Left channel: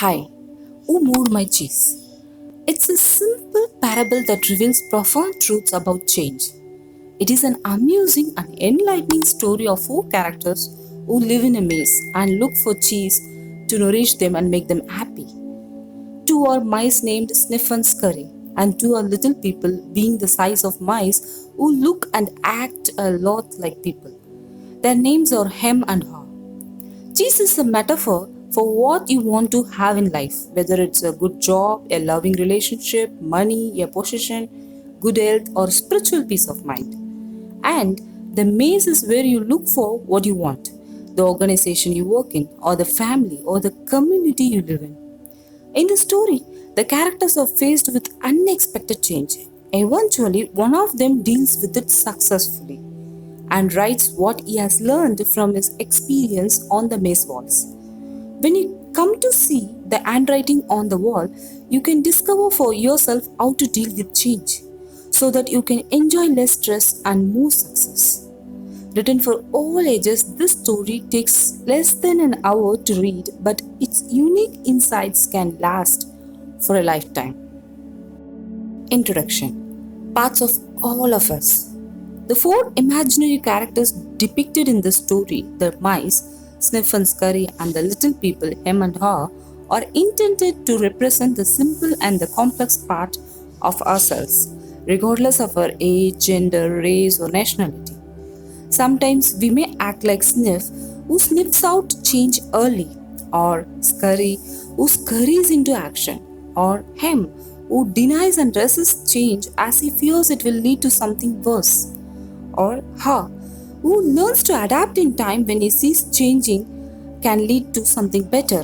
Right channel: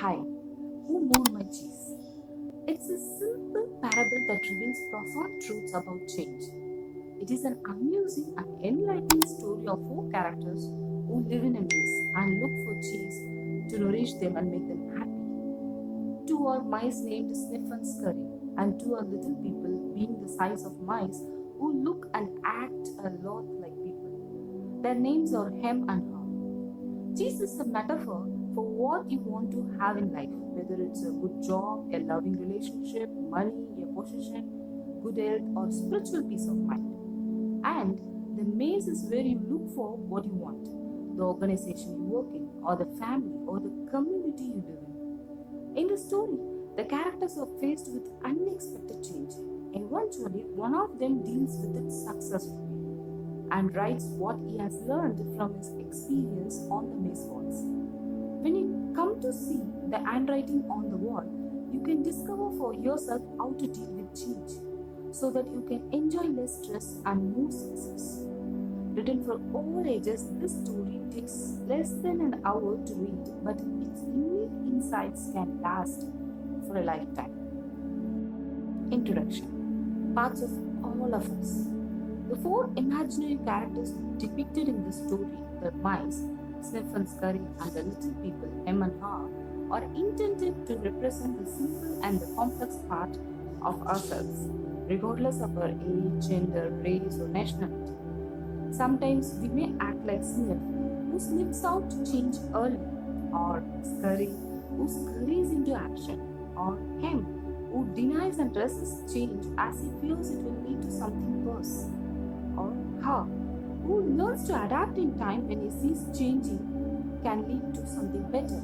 Hi, who moved my cheese? It's a simple parable that reveals profound truths about change. It is an amusing and enlightening story of four characters who live in a maze and look for cheese to nourish them and make them happy. Two are mice named Sniff and Scurry, and two are little people being the size of mice who look and act a lot like people. Their names are Hem and Haw. Cheese is a metaphor for what you want to have in life, whether it's a good job, a loving relationship, money, a position, good health, or spiritual peace of mind. And the maze is where you look for what you want, the organization you work in, or the family, or the community you live in. In the story, the characters are faced with unexpected change. Eventually, one of them deals with it successfully and writes what he has learned from his experience on the maze walls. When you come to see the handwriting on the wall, you can discover for yourself how to deal with change so that you can enjoy less stress and more success. Written for all ages, this story takes less than an hour to read, but its unique insights can last for a lifetime. Introduction. Parts of all of us. The four imaginary characters depicted in this story, the mice, Sniff and Scurry, and the little people, Hem and Haw, are intended to represent the simple and the complex part of ourselves, regardless of our age, gender, race, or nationality. Sometimes we may act like Sniff, who sniffs out change early, or Scurry, who scurries into action, or Hem, who denies and resists change as he fears it will lead to something worse, or Ha, who learns to adapt in time when he sees changing can lead to something better.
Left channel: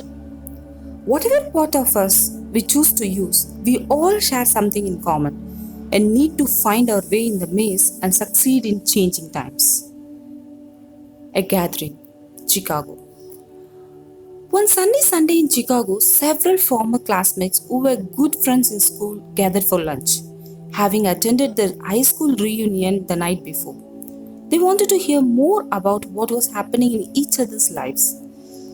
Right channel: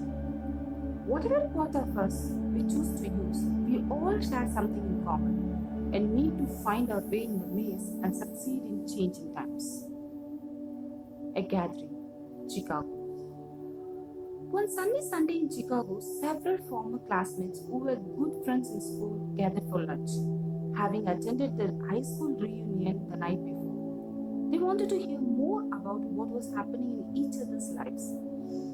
Whatever part of us we choose to use, we all share something in common and need to find our way in the maze and succeed in changing times. A gathering, Chicago. One sunny Sunday in Chicago, several former classmates who were good friends in school gathered for lunch, having attended their high school reunion the night before. They wanted to hear more about what was happening in each other's lives.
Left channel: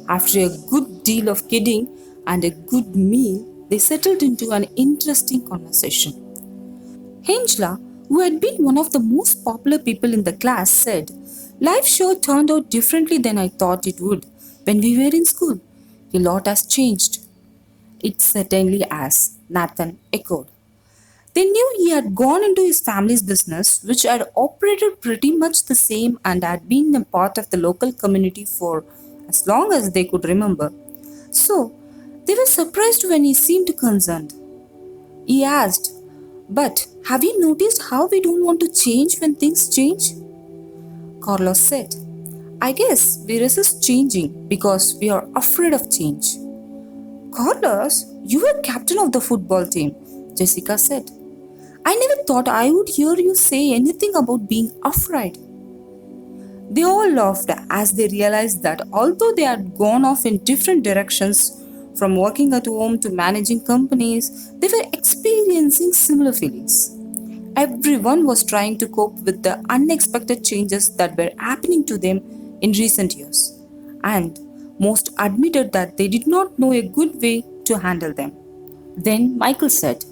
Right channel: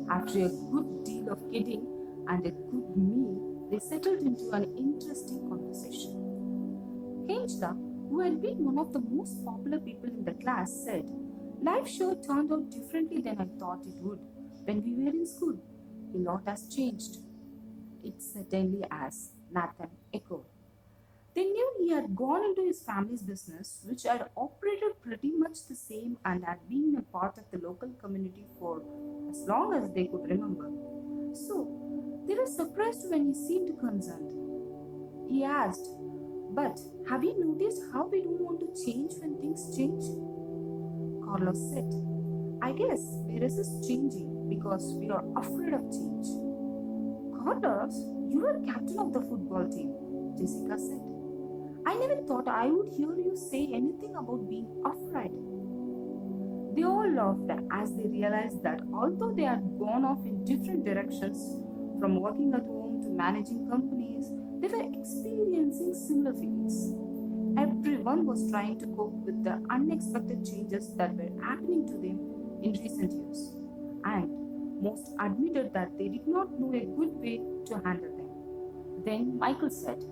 After a good deal of kidding and a good meal, they settled into an interesting conversation. Hengela, who had been one of the most popular people in the class, said, "Life sure turned out differently than I thought it would when we were in school. A lot has changed." "It certainly has," Nathan echoed. They knew he had gone into his family's business, which had operated pretty much the same and had been a part of the local community for as long as they could remember. So, they were surprised when he seemed concerned. He asked, "But have you noticed how we don't want to change when things change?" Carlos said, "I guess we resist changing because we are afraid of change." "Carlos, you were captain of the football team," Jessica said. "I never thought I would hear you say anything about being afraid." They all laughed as they realized that although they had gone off in different directions, from working at home to managing companies, they were experiencing similar feelings. Everyone was trying to cope with the unexpected changes that were happening to them in recent years, and most admitted that they did not know a good way to handle them. Then Michael said,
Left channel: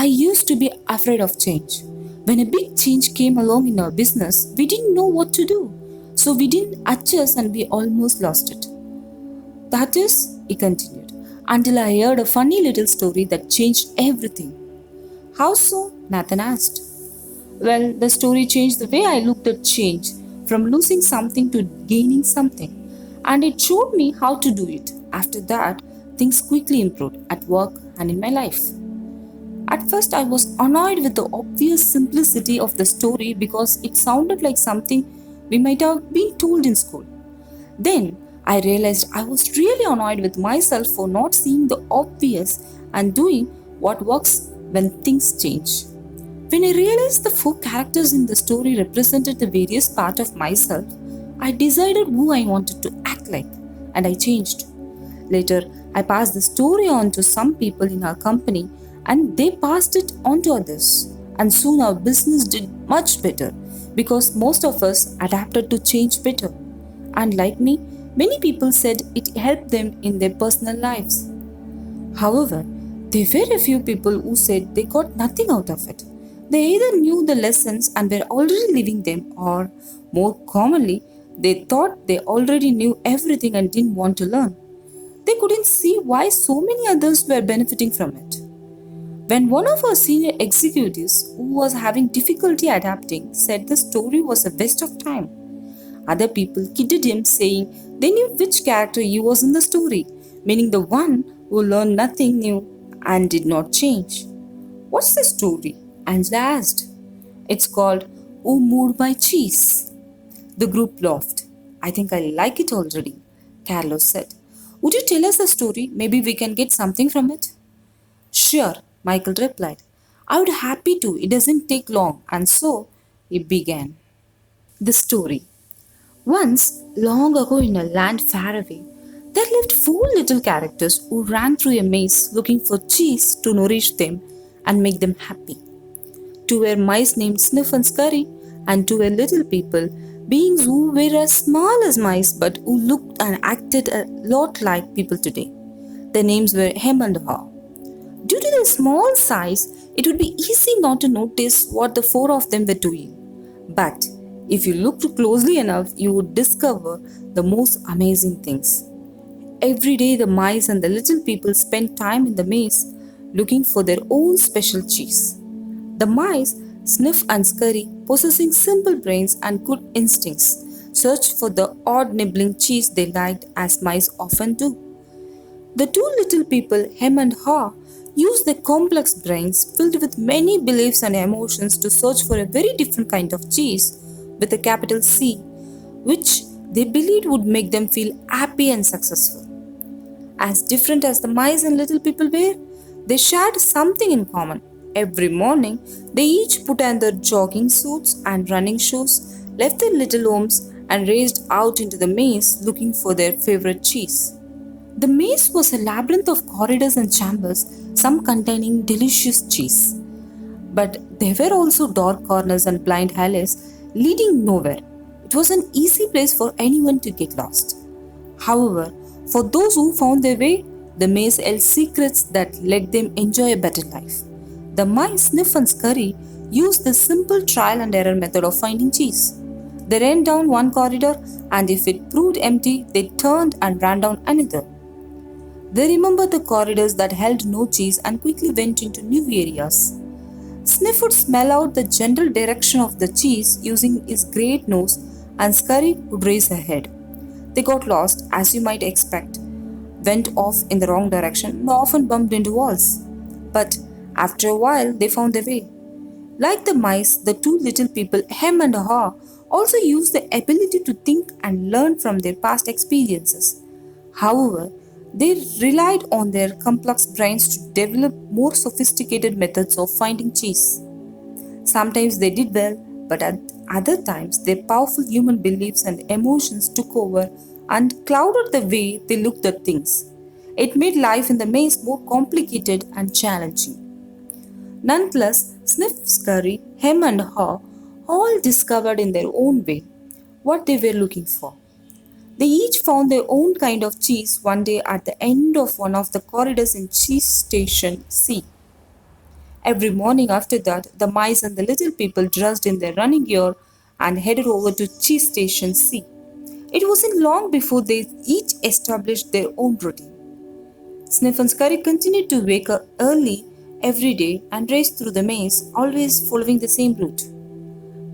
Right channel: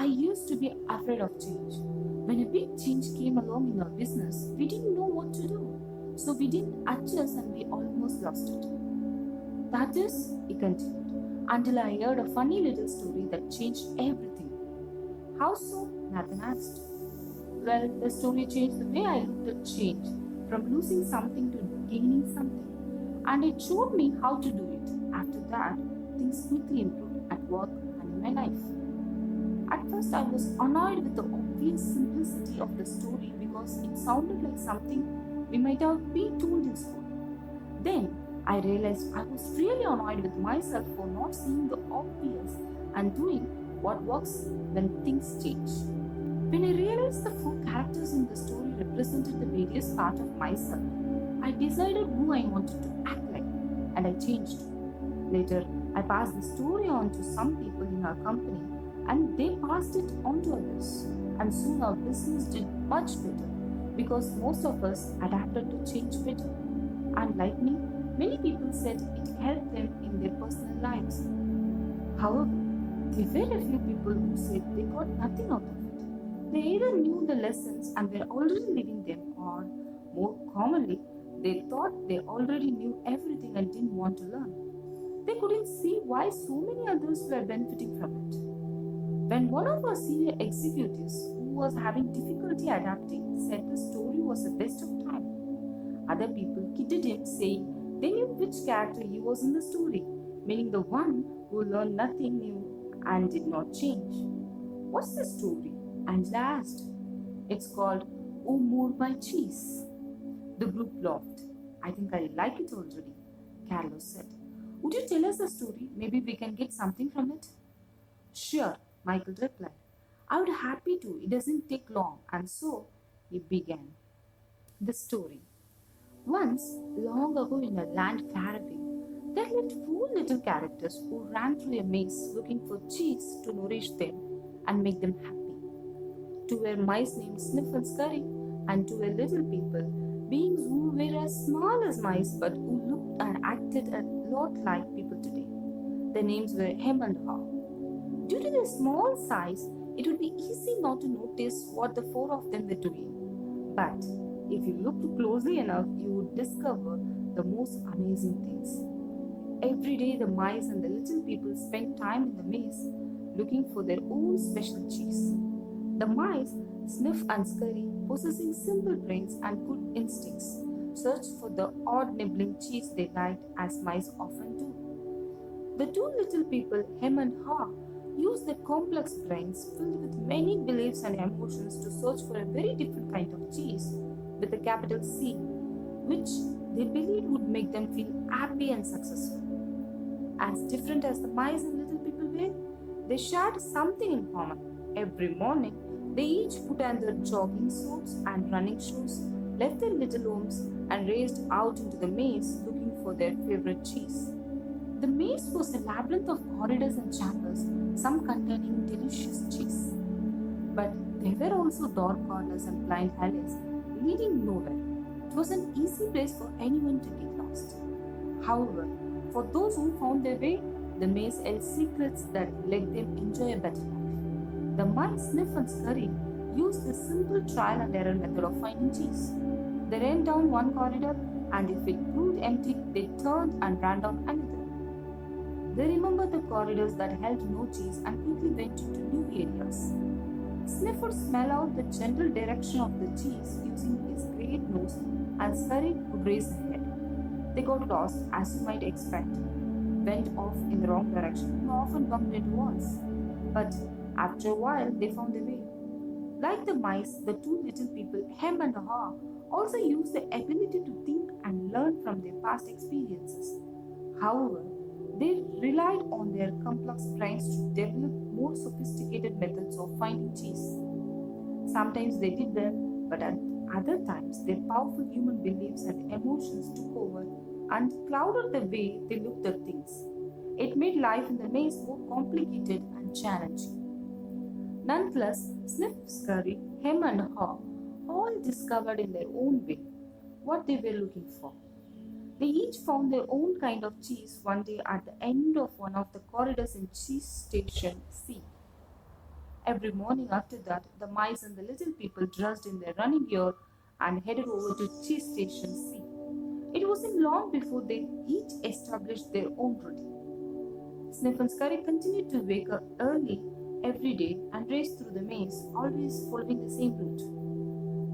"I used to be afraid of change. When a big change came along in our business, we didn't know what to do. So we didn't adjust and we almost lost it. That is," he continued, "until I heard a funny little story that changed everything." "How so?" Nathan asked. "Well, the story changed the way I looked at change, from losing something to gaining something. And it showed me how to do it. After that, things quickly improved at work and in my life." At first, I was annoyed with the obvious simplicity of the story because it sounded like something we might have been told in school. Then, I realized I was really annoyed with myself for not seeing the obvious and doing what works when things change. When I realized the four characters in the story represented the various parts of myself, I decided who I wanted to act like, and I changed. Later, I passed the story on to some people in our company, and they passed it on to others. And soon our business did much better because most of us adapted to change better. And like me, many people said it helped them in their personal lives. However, there were a few people who said they got nothing out of it. They either knew the lessons and were already living them, or more commonly, they thought they already knew everything and didn't want to learn. They couldn't see why so many others were benefiting from it. When one of our senior executives, who was having difficulty adapting, said the story was a waste of time, other people kidded him, saying they knew which character he was in the story, meaning the one who learned nothing new and did not change. What's the story? Angela asked. It's called Who Moved My Cheese? The group laughed. I think I like it already, Carlos said. Would you tell us the story? Maybe we can get something from it. Sure, Michael replied. I would happy to. It doesn't take long. And so he began. The story. Once, long ago in a land far away, there lived four little characters who ran through a maze looking for cheese to nourish them and make them happy. Two were mice named Sniff and Scurry, and two were little people, beings who were as small as mice but who looked and acted a lot like people today. Their names were Hem and Haw. Due to their small size, it would be easy not to notice what the four of them were doing. But if you looked closely enough, you would discover the most amazing things. Every day, the mice and the little people spent time in the maze looking for their own special cheese. The mice, Sniff and Scurry, possessing simple brains and good instincts, searched for the odd nibbling cheese they liked, as mice often do. The two little people, Hem and Haw, used their complex brains filled with many beliefs and emotions to search for a very different kind of cheese with a capital C, which they believed would make them feel happy and successful. As different as the mice and little people were, they shared something in common. Every morning, they each put on their jogging suits and running shoes, left their little homes, and raced out into the maze looking for their favorite cheese. The maze was a labyrinth of corridors and chambers, some containing delicious cheese. But there were also dark corners and blind alleys leading nowhere. It was an easy place for anyone to get lost. However, for those who found their way, the maze held secrets that let them enjoy a better life. The mice, Sniff and Scurry, used the simple trial and error method of finding cheese. They ran down one corridor, and if it proved empty, they turned and ran down another. They remembered the corridors that held no cheese and quickly went into new areas. Sniff would smell out the general direction of the cheese using his great nose, and Scurry would raise her head. They got lost, as you might expect, went off in the wrong direction, and often bumped into walls. But after a while, they found their way. Like the mice, the two little people, Hem and Haw, also used the ability to think and learn from their past experiences. However, they relied on their complex brains to develop more sophisticated methods of finding cheese. Sometimes they did well, but at other times their powerful human beliefs and emotions took over and clouded the way they looked at things. It made life in the maze more complicated and challenging. Nonetheless, Sniff, Scurry, Hem, and Haw all discovered in their own way what they were looking for. They each found their own kind of cheese one day at the end of one of the corridors in Cheese Station C. Every morning after that, the mice and the little people dressed in their running gear and headed over to Cheese Station C. It wasn't long before they each established their own routine. Sniff and Scurry continued to wake up early every day and race through the maze, always following the same route.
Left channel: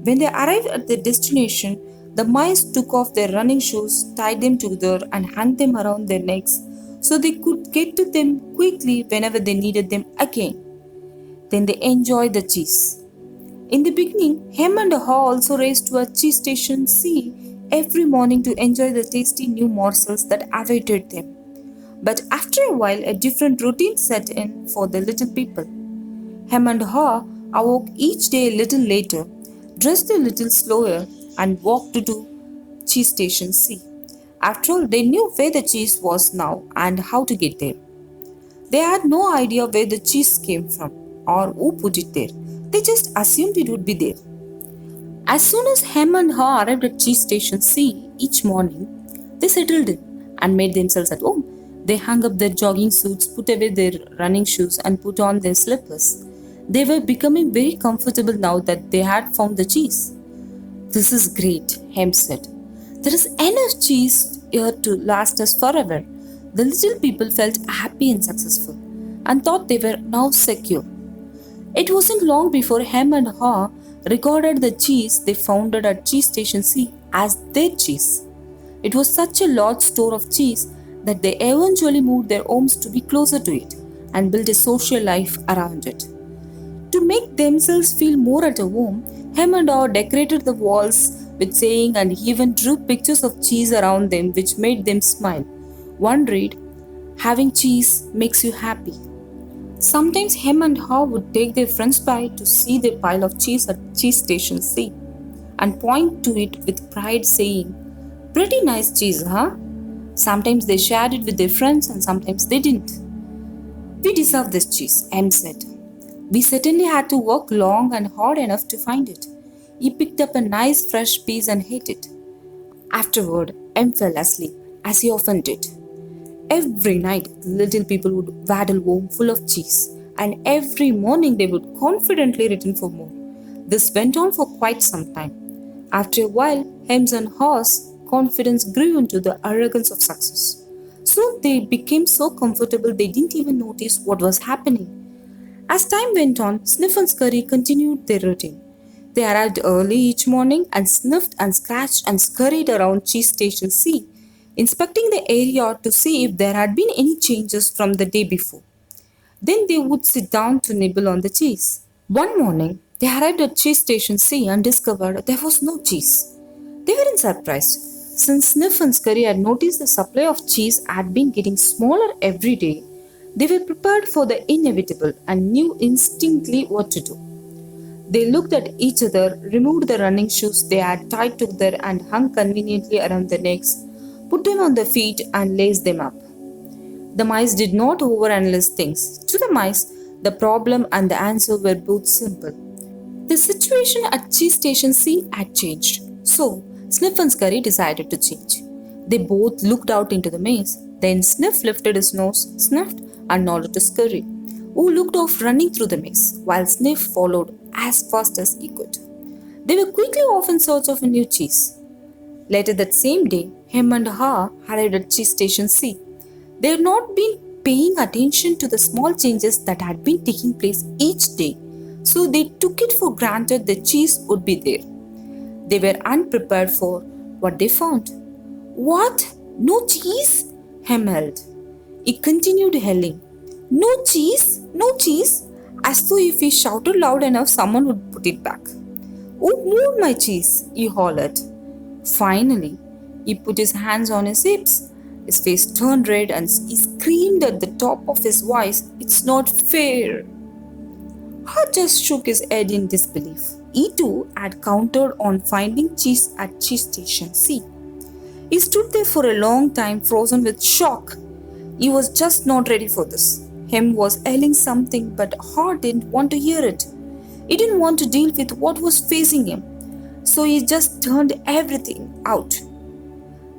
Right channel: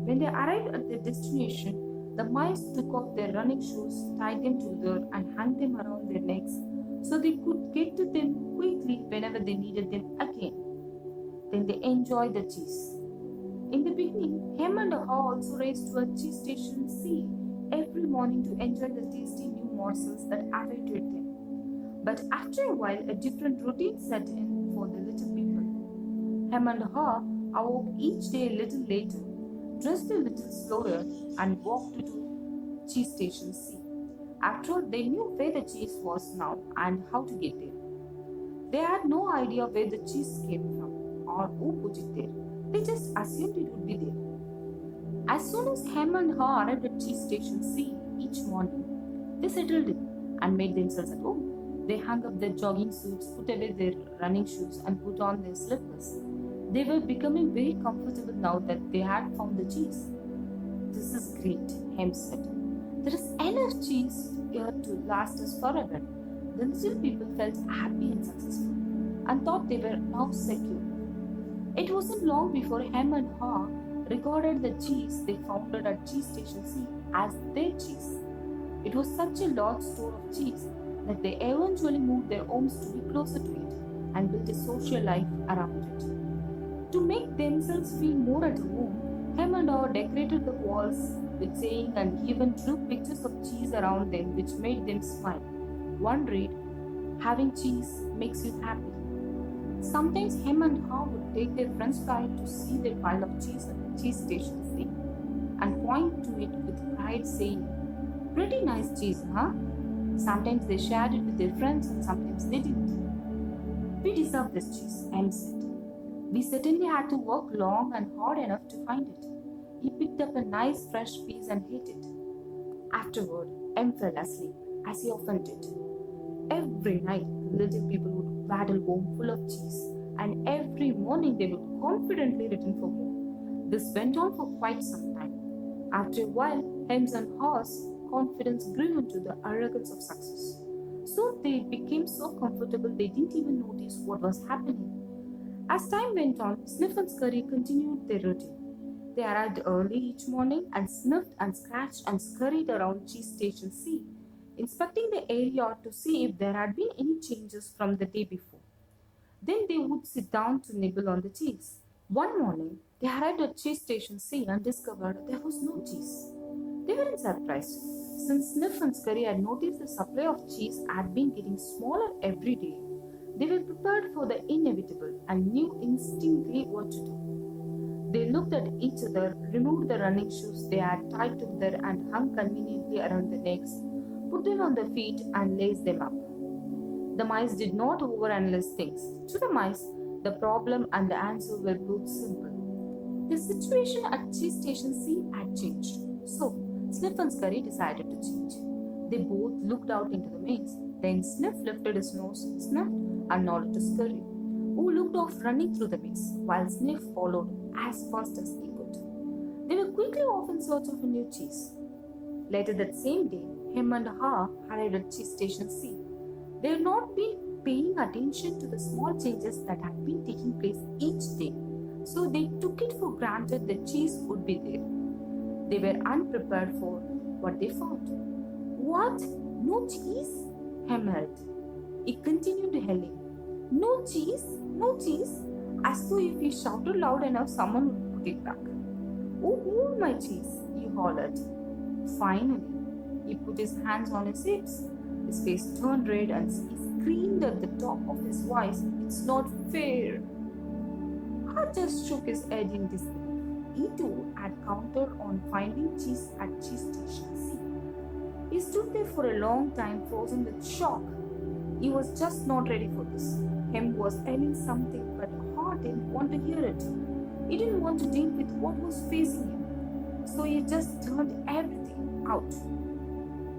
When they arrived at their destination, the mice took off their running shoes, tied them together, and hung them around their necks so they could get to them quickly whenever they needed them again. Then they enjoyed the cheese. In the beginning, Hem and Haw also raced to a cheese station C every morning to enjoy the tasty new morsels that awaited them. But after a while, a different routine set in for the little people. Hem and Haw awoke each day a little later, dressed a little slower, and walked to cheese station C. After all, they knew where the cheese was now and how to get there. They had no idea where the cheese came from or who put it there. They just assumed it would be there. As soon as Hem and Haw arrived at cheese station C each morning, they settled in and made themselves at home. They hung up their jogging suits, put away their running shoes, and put on their slippers. They were becoming very comfortable now that they had found the cheese. This is great, Hem said. There is enough cheese here to last us forever. The little people felt happy and successful and thought they were now secure. It wasn't long before Hem and Haw regarded the cheese they found at Cheese Station C as their cheese. It was such a large store of cheese that they eventually moved their homes to be closer to it and built a social life around it. To make themselves feel more at home, Hem and Haw decorated the walls with saying and even drew pictures of cheese around them which made them smile. One read, "Having cheese makes you happy." Sometimes Hem and Haw would take their friends by to see their pile of cheese at Cheese Station C and point to it with pride saying, "Pretty nice cheese, huh?" Sometimes they shared it with their friends and sometimes they didn't. "We deserve this cheese," Hem said. "We certainly had to work long and hard enough to find it." He picked up a nice fresh piece and ate it. Afterward, M fell asleep, as he often did. Every night, the little people would waddle home full of cheese, and every morning they would confidently return for more. This went on for quite some time. After a while, Hem's and Haw's confidence grew into the arrogance of success. Soon they became so comfortable they didn't even notice what was happening. As time went on, Sniff and Scurry continued their routine. They arrived early each morning and sniffed and scratched and scurried around Cheese Station C, inspecting the area to see if there had been any changes from the day before. Then they would sit down to nibble on the cheese. One morning, they arrived at Cheese Station C and discovered there was no cheese. They weren't surprised, since Sniff and Scurry had noticed the supply of cheese had been getting smaller every day. They were prepared for the inevitable and knew instinctively what to do. They looked at each other, removed the running shoes they had tied together and hung conveniently around their necks, put them on their feet, and laced them up. The mice did not overanalyze things. To the mice, the problem and the answer were both simple. The situation at Cheese Station C had changed, so Sniff and Scurry decided to change. They both looked out into the maze. Then Sniff lifted his nose, sniffed, and nodded to Scurry, who looked off running through the maze, while Sniff followed as fast as he could. They were quickly off in search of a new cheese. Later that same day, Hem and Haw arrived at Cheese Station C. They had not been paying attention to the small changes that had been taking place each day, so they took it for granted the cheese would be there. They were unprepared for what they found. "What? No cheese?" Hem held. He continued yelling, "No cheese? No cheese?" as though if he shouted loud enough, someone would put it back. "Who moved my cheese?" he hollered. Finally, he put his hands on his hips. His face turned red and he screamed at the top of his voice, "It's not fair." Haw just shook his head in disbelief. He too had counted on finding cheese at Cheese Station C. He stood there for a long time, frozen with shock. He was just not ready for this. Hem was yelling something, but Haw didn't want to hear it. He didn't want to deal with what was facing him, so he just turned everything out.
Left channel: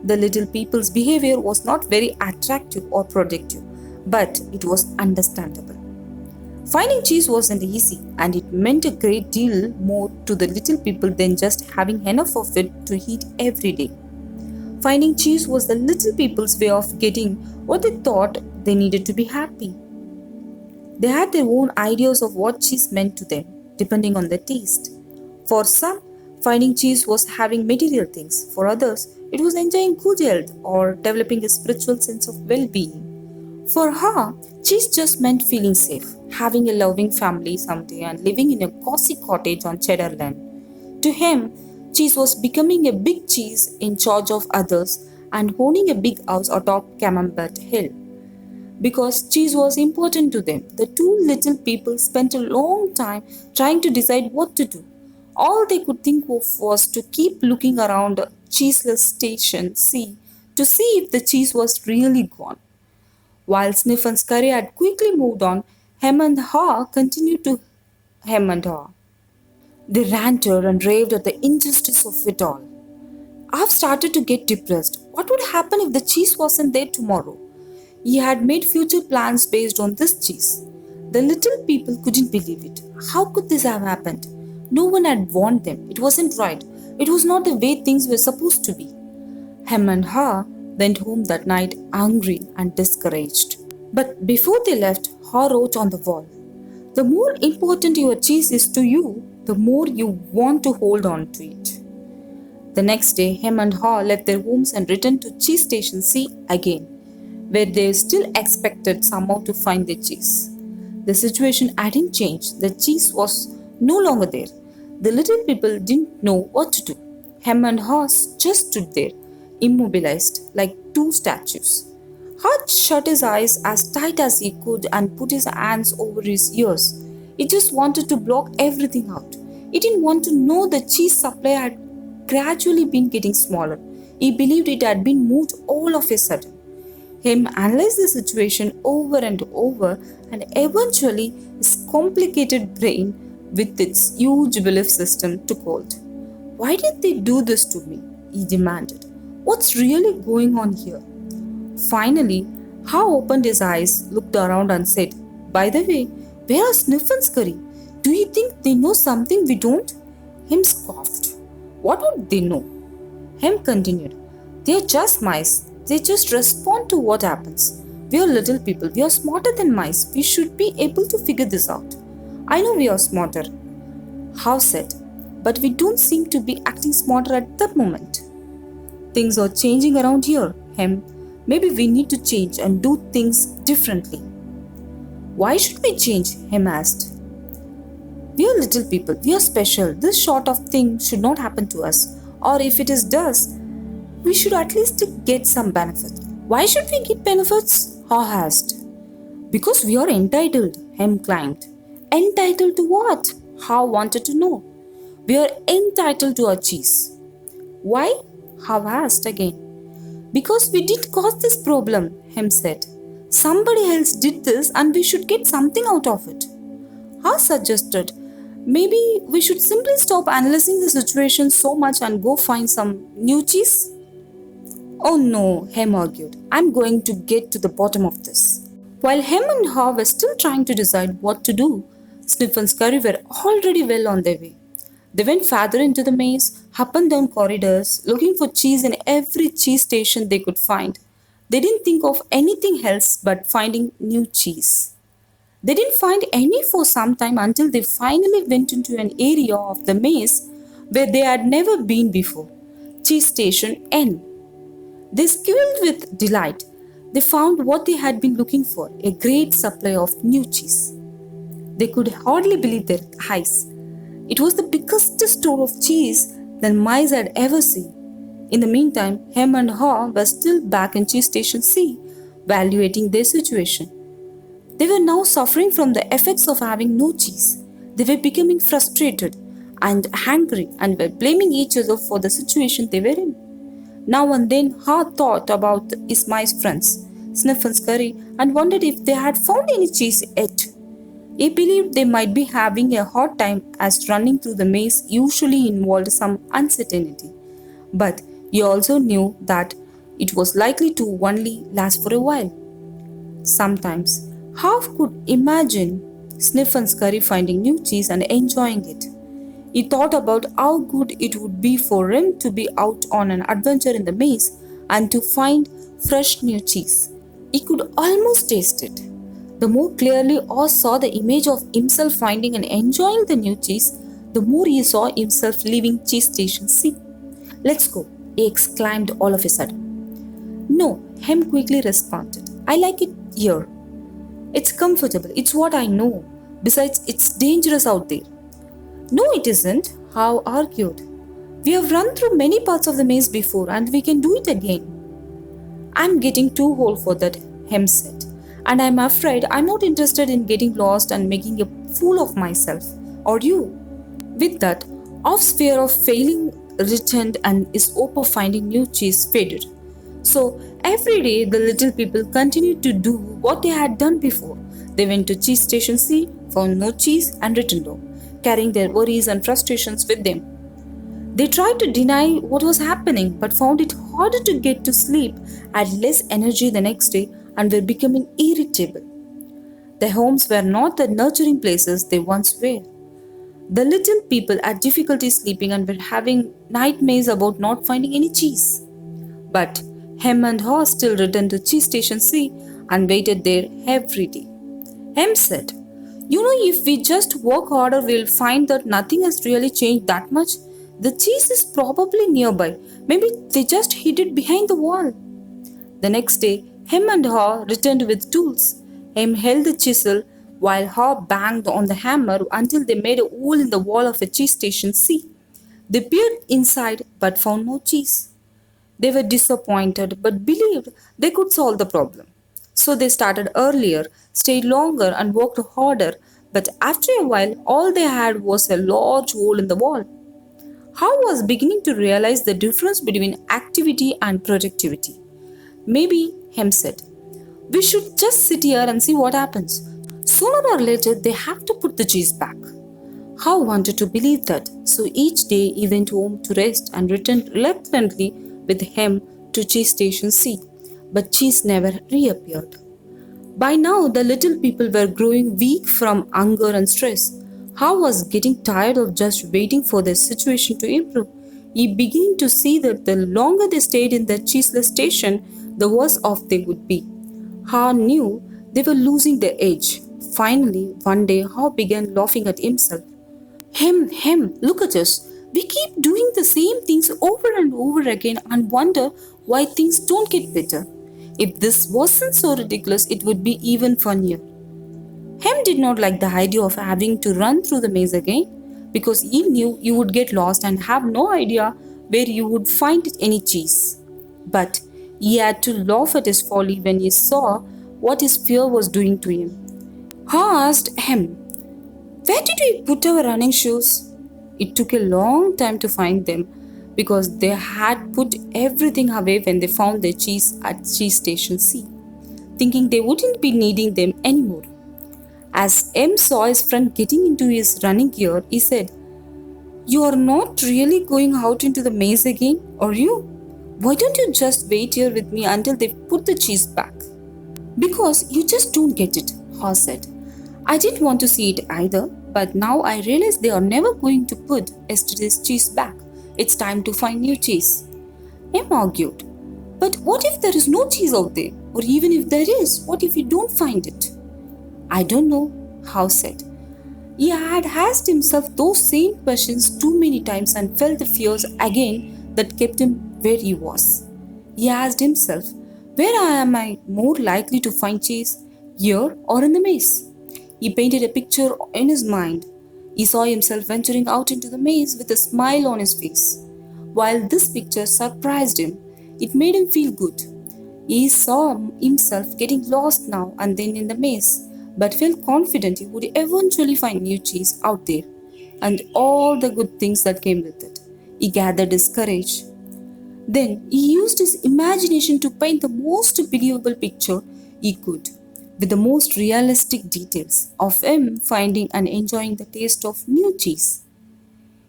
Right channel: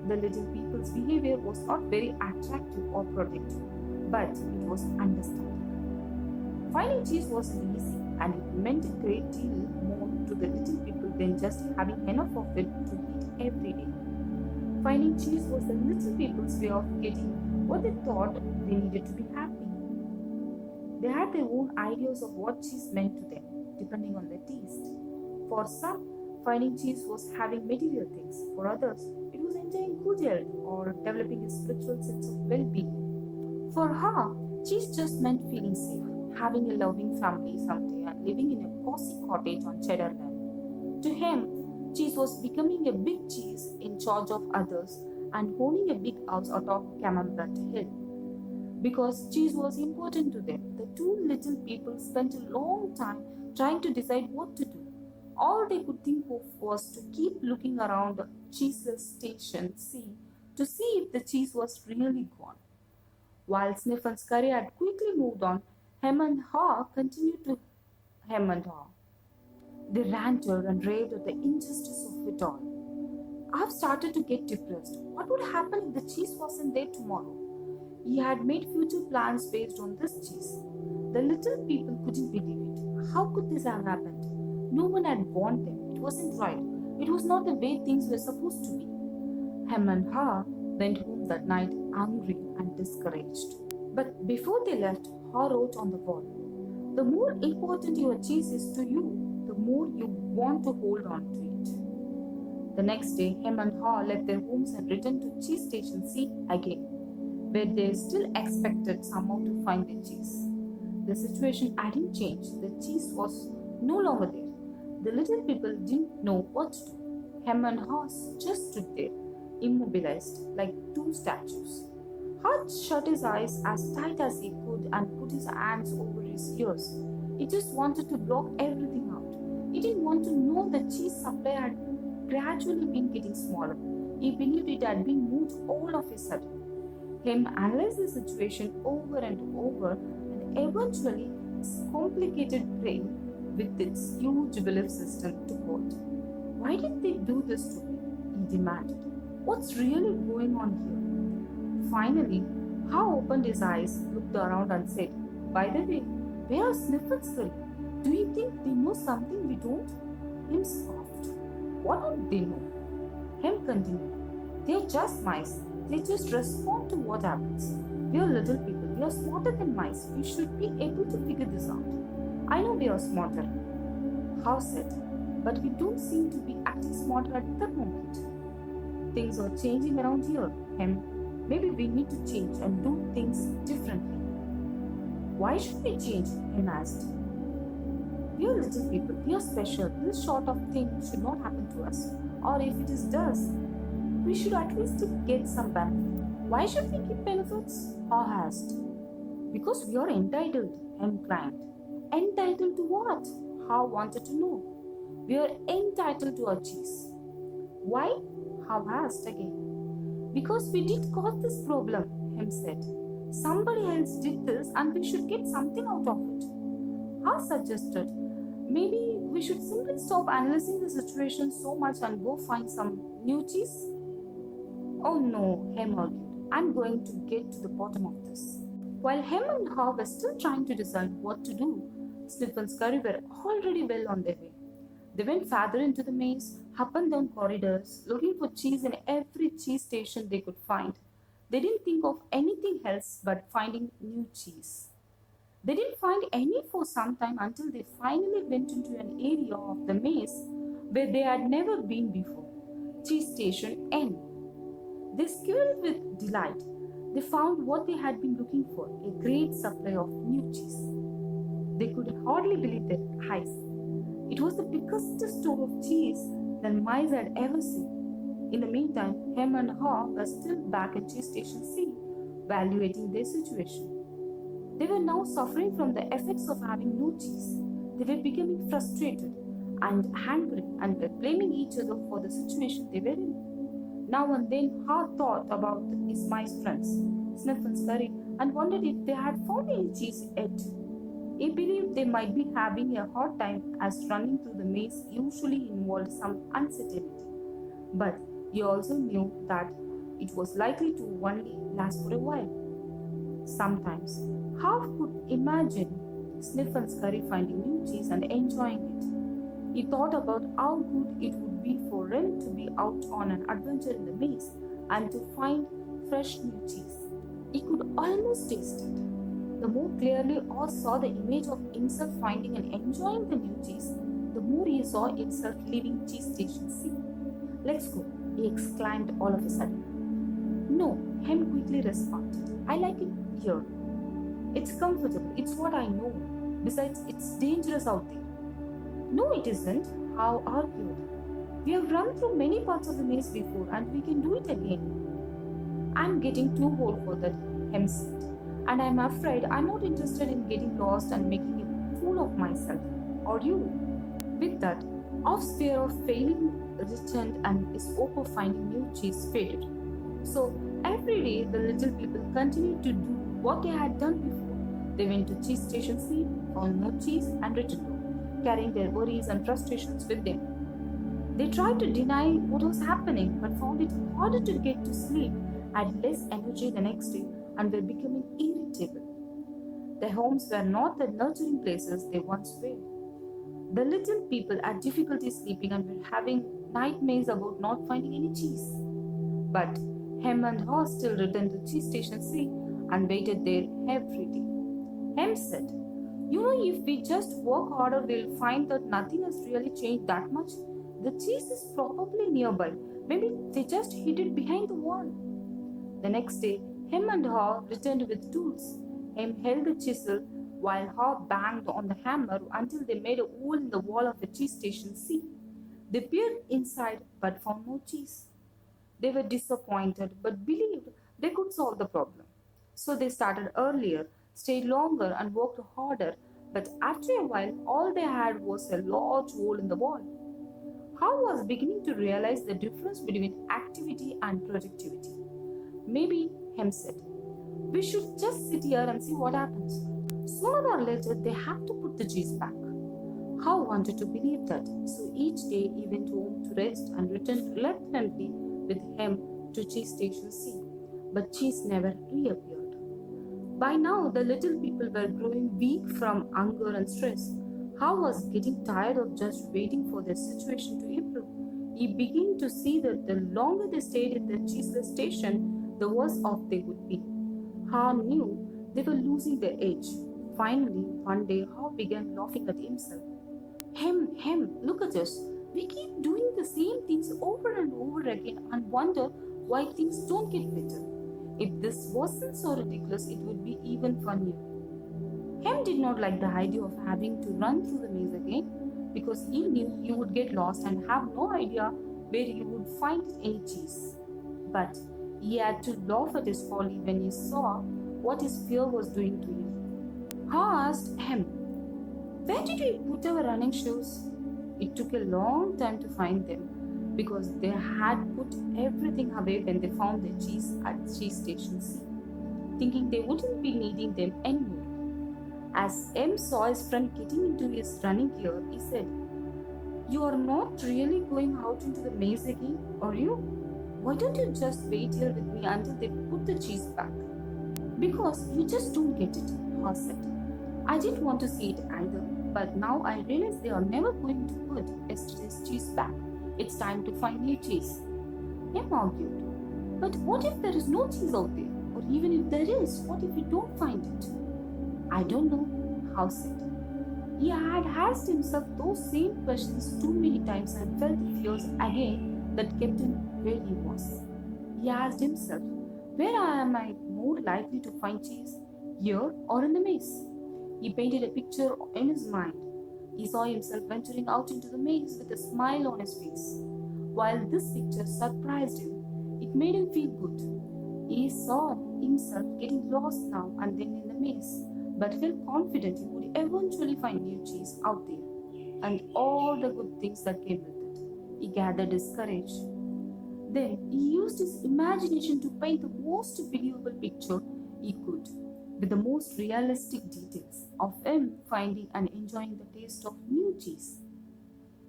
The little people's behavior was not very attractive or productive, but it was understandable. Finding cheese wasn't easy, and it meant a great deal more to the little people than just having enough of it to eat every day. Finding cheese was the little people's way of getting what they thought they needed to be happy. They had their own ideas of what cheese meant to them, depending on their taste. For some, finding cheese was having material things. For others, it was enjoying good health or developing a spiritual sense of well-being. For her, cheese just meant feeling safe, having a loving family someday, and living in a cozy cottage on Cheddar Land. To him, cheese was becoming a big cheese in charge of others and owning a big house atop Camembert Hill. Because cheese was important to them, the two little people spent a long time trying to decide what to do. All they could think of was to keep looking around Cheeseless Station C to see if the cheese was really gone. While Sniff and Scurry had quickly moved on, Hem and Haw continued to hem and haw. They ranted and raved at the injustice of it all. "I've started to get depressed. What would happen if the cheese wasn't there tomorrow? He had made future plans based on this cheese. The little people couldn't believe it. How could this have happened? No one had warned them. It wasn't right. It was not the way things were supposed to be. Hem and Ha went home that night angry and discouraged. But before they left, Ha wrote on the wall, "The more important your cheese is to you, the more you want to hold on to it." The next day, Hem and Ha left their homes and returned to Cheese Station C again, where they still expected somehow to find their cheese. The situation hadn't changed. The cheese was no longer there. The little people didn't know what to do. Hem and Ha just stood there, immobilized like two statues. Hart shut his eyes as tight as he could and put his hands over his ears. He just wanted to block everything out. He didn't want to know the cheese supply had gradually been getting smaller. He believed it had been moved all of a sudden. Him analyzed the situation over and over, and eventually his complicated brain, with its huge belief system, took hold. "Why did they do this to me?" he demanded. "What's really going on here?" Finally, Ha opened his eyes, looked around and said, "By the way, where are Sniff and Scurry? Do you think they know something we don't?" Him scoffed. "What would they know?" Hem continued, "They're just mice. They just respond to what happens. We are little people. We are smarter than mice. We should be able to figure this out." "I know we are smarter," Ha said, "but we don't seem to be acting smarter at the moment. Things are changing around here, Hem. Maybe we need to change and do things differently." "Why should we change?" Hem asked. "We are little people. We are special. This sort of thing should not happen to us. Or if it does, we should at least get some benefit." "Why should we get benefits?" Ha asked. "Because we are entitled," Hem claimed. "Entitled to what?" Ha wanted to know. "We are entitled to our cheese." "Why?" Ha asked again. "Because we didn't cause this problem," Hem said. "Somebody else did this and we should get something out of it." Ha suggested, "Maybe we should simply stop analyzing the situation so much and go find some new cheese." "Oh no," Hem argued. "I'm going to get to the bottom of this." While Hem and Ha were still trying to decide what to do, Sniff and Scurry were already well on their way. They went farther into the maze, up and down corridors, looking for cheese in every cheese station they could find. They didn't think of anything else but finding new cheese. They didn't find any for some time until they finally went into an area of the maze where they had never been before, Cheese Station N. They squealed with delight. They found what they had been looking for, a great supply of new cheese. They could hardly believe their eyes. It was the biggest store of cheese that mice had ever seen. In the meantime, Hem and Ha were still back in Cheese Station C, evaluating their situation. They were now suffering from the effects of having no cheese. They were becoming frustrated and angry and were blaming each other for the situation they were in. Now and then, Ha thought about his mice friends, Sniff and Scurry, and wondered if they had found any cheese yet. He believed they might be having a hard time as running through the maze usually involved some uncertainty. But he also knew that it was likely to only last for a while. Sometimes, Half could imagine Sniff and Scurry finding new cheese and enjoying it. He thought about how good it would be for him to be out on an adventure in the maze and to find fresh new cheese. He could almost taste it. The more clearly Oz saw the image of himself finding and enjoying the new cheese, the more he saw himself leaving Cheese Station C. "Let's go," he exclaimed all of a sudden. "No," Hem quickly responded. "I like it here. It's comfortable. It's what I know. Besides, it's dangerous out there." "No, it isn't," How argued. "We have run through many parts of the maze before and we can do it again." "I'm getting too old for that," Hem said. "And I'm afraid I'm not interested in getting lost and making a fool of myself. Or you?" With that, Off's fear of failing returned and his hope of finding new cheese faded. So every day the little people continued to do what they had done before. They went to Cheese Station C, found no cheese, and returned home, carrying their worries and frustrations with them. They tried to deny what was happening but found it harder to get to sleep, had less energy the next day, and were becoming irritable. Their homes were not the nurturing places they once were. The little people had difficulty sleeping and were having nightmares about not finding any cheese. But Hem and Haw still returned to Cheese Station C and waited there every day. Hem said, "You know, if we just work harder, we'll find that nothing has really changed that much. The cheese is probably nearby. Maybe they just hid it behind the wall." The next day, Hem and Haw returned with tools. Hem held the chisel while Haw banged on the hammer until they made a hole in the wall of a cheese station C. They peered inside but found no cheese. They were disappointed but believed they could solve the problem. So they started earlier, stayed longer, and worked harder. But after a while, all they had was a large hole in the wall. How was beginning to realize the difference between activity and productivity. Maybe, Hem said, we should just sit here and see what happens. Sooner or later, they have to put the cheese back. How wanted to believe that, so each day he went home to rest and returned reluctantly with Hem to cheese station C. But cheese never reappeared. By now, the little people were growing weak from hunger and stress. How was getting tired of just waiting for their situation to improve. He began to see that the longer they stayed in the cheeseless station, the worse off they would be. Ha knew they were losing their edge. Finally, one day, Ha began laughing at himself. Hem, look at us. We keep doing the same things over and over again and wonder why things don't get better. If this wasn't so ridiculous, it would be even funnier. Hem did not like the idea of having to run through the maze again because he knew you would get lost and have no idea where you would find any cheese. But he had to laugh at his folly when he saw what his fear was doing to him. Ha asked Hem, "Where did we put our running shoes?" It took a long time to find them because they had put everything away when they found their cheese at cheese station C, thinking they wouldn't be needing them anymore. As M saw his friend getting into his running gear, he said, "You are not really going out into the maze again, are you? Why don't you just wait here with me until they put the cheese back?" "Because you just don't get it," Ha said. "I didn't want to see it either, but now I realize they are never going to put yesterday's cheese back. It's time to find new cheese." M argued, "But what if there is no cheese out there? Or even if there is, what if you don't find it?" "I don't know," Ha said. He had asked himself those same questions too many times and felt the fears again that kept him where he was. He asked himself, where am I more likely to find cheese, here or in the maze? He painted a picture in his mind. He saw himself venturing out into the maze with a smile on his face. While this picture surprised him, it made him feel good. He saw himself getting lost now and then in the maze, but felt confident he would eventually find new cheese out there and all the good things that came with it. He gathered his courage. Then he used his imagination to paint the most believable picture he could, with the most realistic details of him finding and enjoying the taste of new cheese.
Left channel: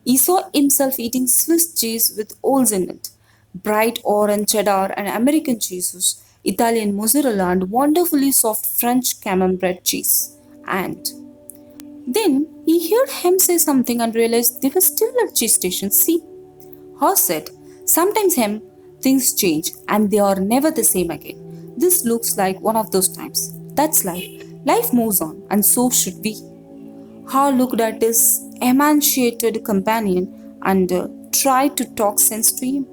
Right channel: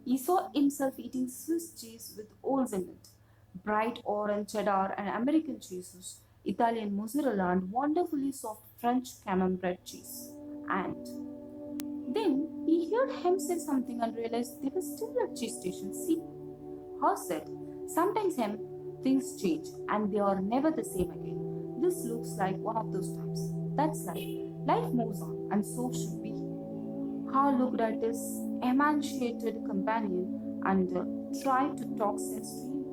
He saw himself eating Swiss cheese with holes in it, bright orange cheddar and American cheeses, Italian mozzarella and wonderfully soft French camembert cheese. And then he heard him say something and realized they were still at cheese station C. Horse said, "Sometimes Hem, things change and they are never the same again. This looks like one of those times. That's life. Life moves on and so should we." Ha looked at his emaciated companion and tried to talk sense to him.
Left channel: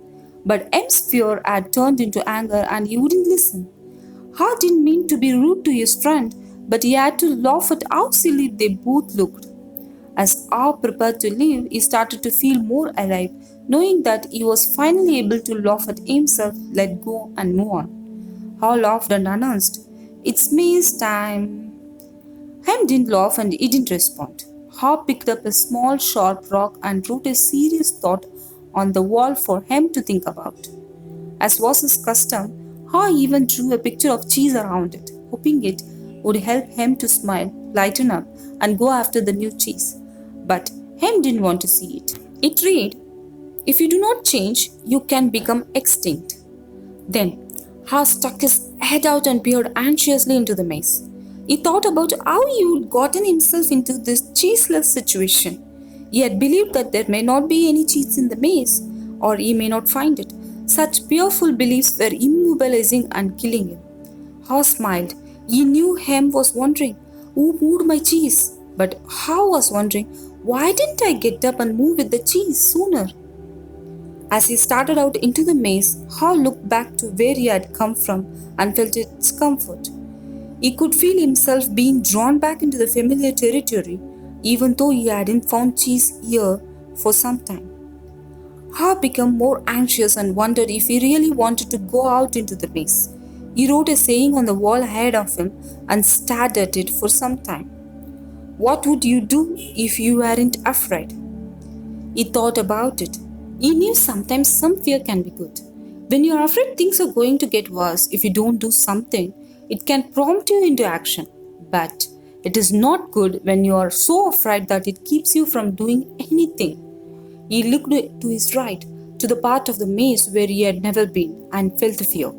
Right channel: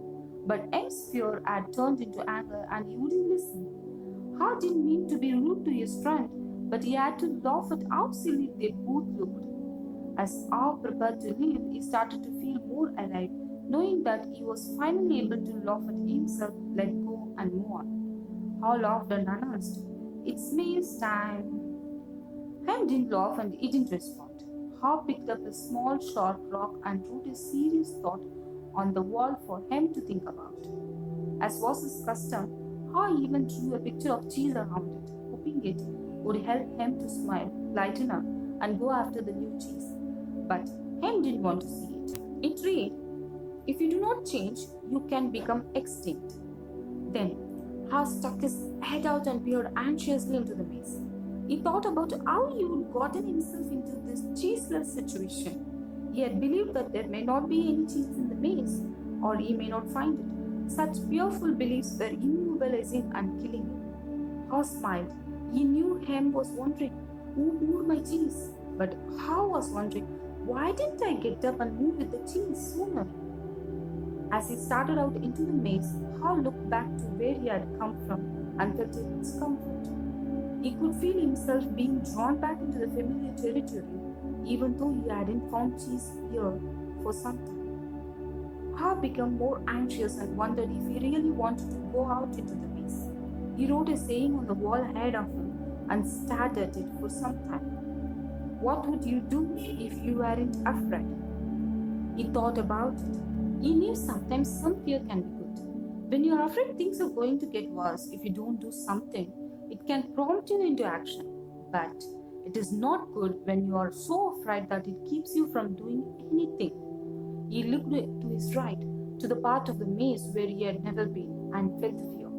But M's fear had turned into anger and he wouldn't listen. Ha didn't mean to be rude to his friend, but he had to laugh at how silly they both looked. As Ha prepared to leave, he started to feel more alive, knowing that he was finally able to laugh at himself, let go, and move on. Ha laughed and announced, "It's maze time." Hem didn't laugh and he didn't respond. Ha picked up a small sharp rock and wrote a serious thought on the wall for Hem to think about. As was his custom, Ha even drew a picture of cheese around it, hoping it would help Hem to smile, lighten up, and go after the new cheese. But Hem didn't want to see it. It read, "If you do not change, you can become extinct." Then Ha stuck his head out and peered anxiously into the maze. He thought about how he had gotten himself into this cheeseless situation. He had believed that there may not be any cheese in the maze, or he may not find it. Such fearful beliefs were immobilizing and killing him. Ha smiled. He knew Hem was wondering, who moved my cheese? But Ha was wondering, why didn't I get up and move with the cheese sooner? As he started out into the maze, Ha looked back to where he had come from and felt its comfort. He could feel himself being drawn back into the familiar territory, even though he hadn't found cheese here for some time. Ha became more anxious and wondered if he really wanted to go out into the maze. He wrote a saying on the wall ahead of him and stared at it for some time. What would you do if you weren't afraid? He thought about it. He knew sometimes some fear can be good. When you are afraid things are going to get worse if you don't do something, it can prompt you into action. But it is not good when you are so afraid that it keeps you from doing anything. He looked to his right, to the part of the maze where he had never been, and felt the fear.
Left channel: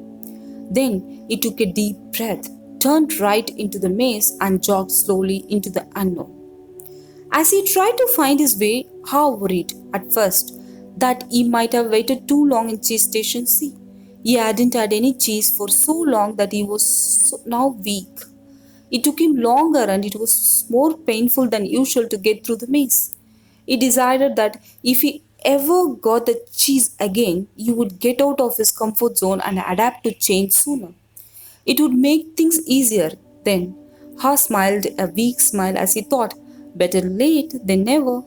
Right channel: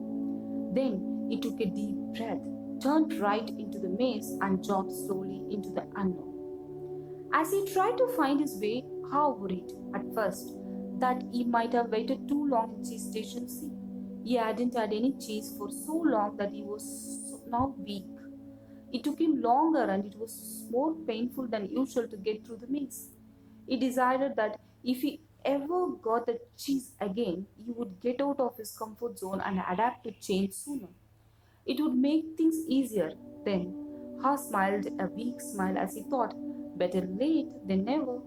Then he took a deep breath, turned right into the maze, and jogged slowly into the unknown. As he tried to find his way, Ha worried at first that he might have waited too long in cheese station C. He hadn't had any cheese for so long that he was now weak. It took him longer and it was more painful than usual to get through the maze. He decided that if he ever got the cheese again, he would get out of his comfort zone and adapt to change sooner. It would make things easier then. Ha smiled a weak smile as he thought, better late than never.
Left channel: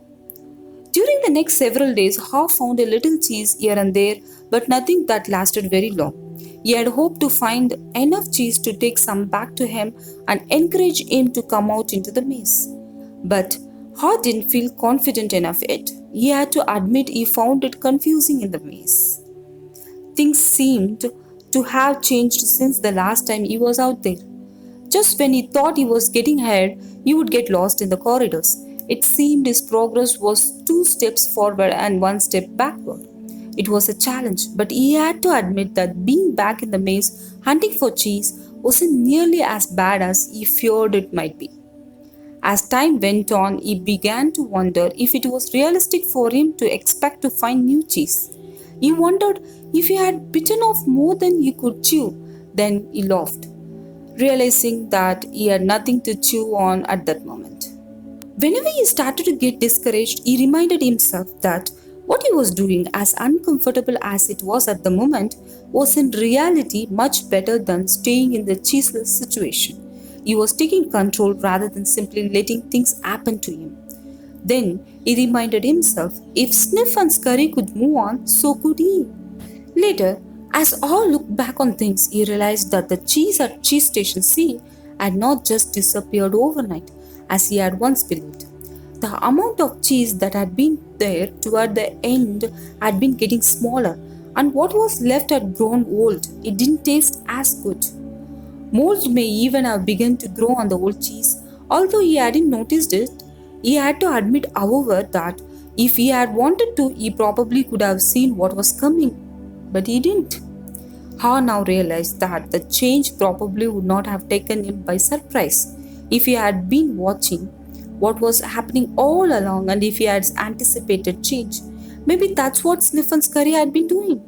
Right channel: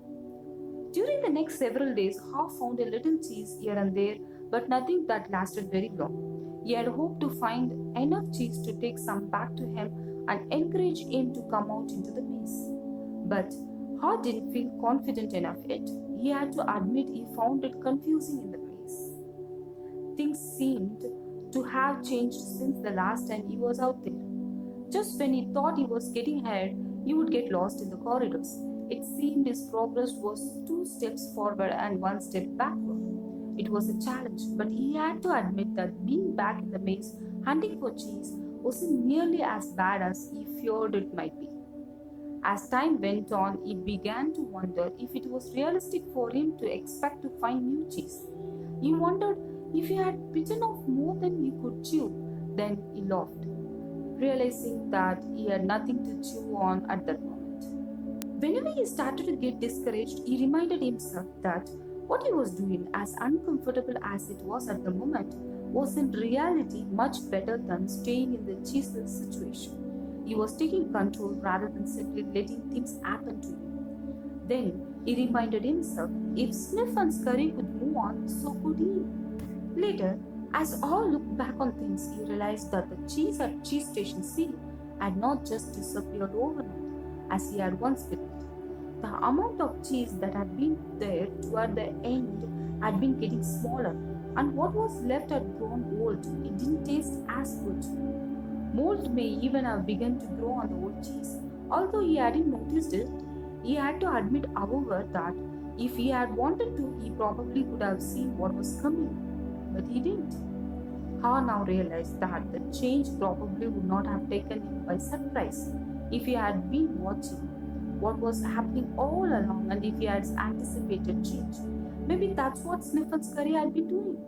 During the next several days, Ha found a little cheese here and there, but nothing that lasted very long. He had hoped to find enough cheese to take some back to him and encourage him to come out into the maze. But Ha didn't feel confident enough yet. He had to admit he found it confusing in the maze. Things seemed to have changed since the last time he was out there. Just when he thought he was getting ahead, he would get lost in the corridors. It seemed his progress was two steps forward and one step backward. It was a challenge, but he had to admit that being back in the maze hunting for cheese wasn't nearly as bad as he feared it might be. As time went on, he began to wonder if it was realistic for him to expect to find new cheese. He wondered if he had bitten off more than he could chew. Then he laughed, realizing that he had nothing to chew on at that moment. Whenever he started to get discouraged, he reminded himself that what he was doing, as uncomfortable as it was at the moment, was in reality much better than staying in the cheeseless situation. He was taking control rather than simply letting things happen to him. Then he reminded himself if Sniff and Scurry could move on, so could he. Later, as all looked back on things, he realized that the cheese at Cheese Station C had not just disappeared overnight, as he had once believed. The amount of cheese that had been there toward the end had been getting smaller, and what was left had grown old. It didn't taste as good. Mold may even have begun to grow on the old cheese. Although he hadn't noticed it, he had to admit, however, that if he had wanted to, he probably could have seen what was coming. But he didn't. Ha now realized that the change probably would not have taken him by surprise if he had been watching what was happening all along and if he had anticipated change. Maybe that's what Sniff and Scurry had been doing.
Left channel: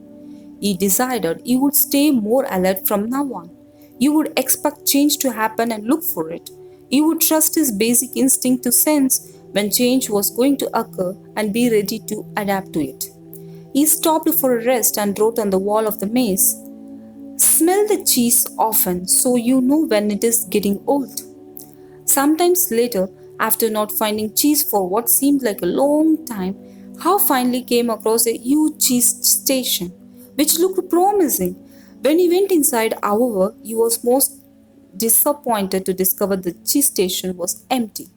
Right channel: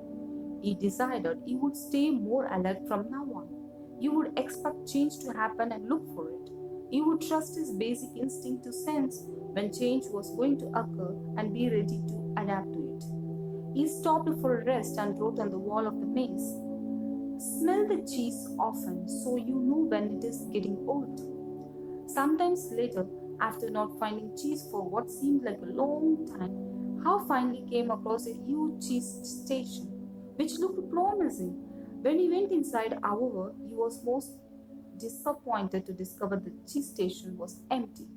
He decided he would stay more alert from now on. He would expect change to happen and look for it. He would trust his basic instinct to sense when change was going to occur and be ready to adapt to it. He stopped for a rest and wrote on the wall of the maze, "Smell the cheese often so you know when it is getting old." Sometimes later, after not finding cheese for what seemed like a long time, Howe finally came across a huge cheese station, which looked promising. When he went inside, however, he was most disappointed to discover the cheese station was empty.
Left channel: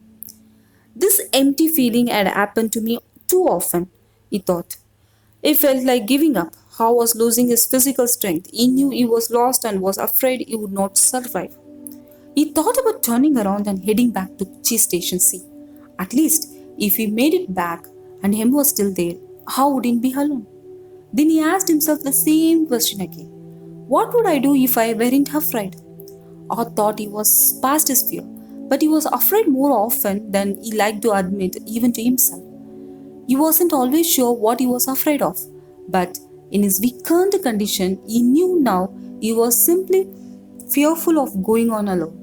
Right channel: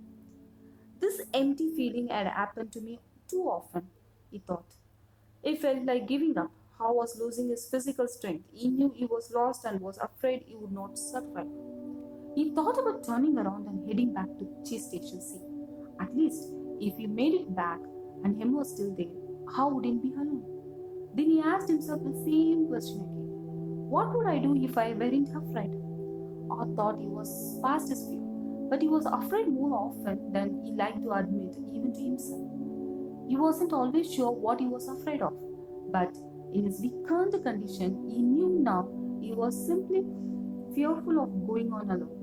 This empty feeling had happened to me too often, he thought. He felt like giving up. Howe was losing his physical strength. He knew he was lost and was afraid he would not survive. He thought about turning around and heading back to Cheese Station C. At least, if he made it back and him was still there, how would he be alone? Then he asked himself the same question again. What would I do if I weren't afraid? Or thought he was past his fear, but he was afraid more often than he liked to admit, even to himself. He wasn't always sure what he was afraid of, but in his weakened condition, he knew now he was simply fearful of going on alone.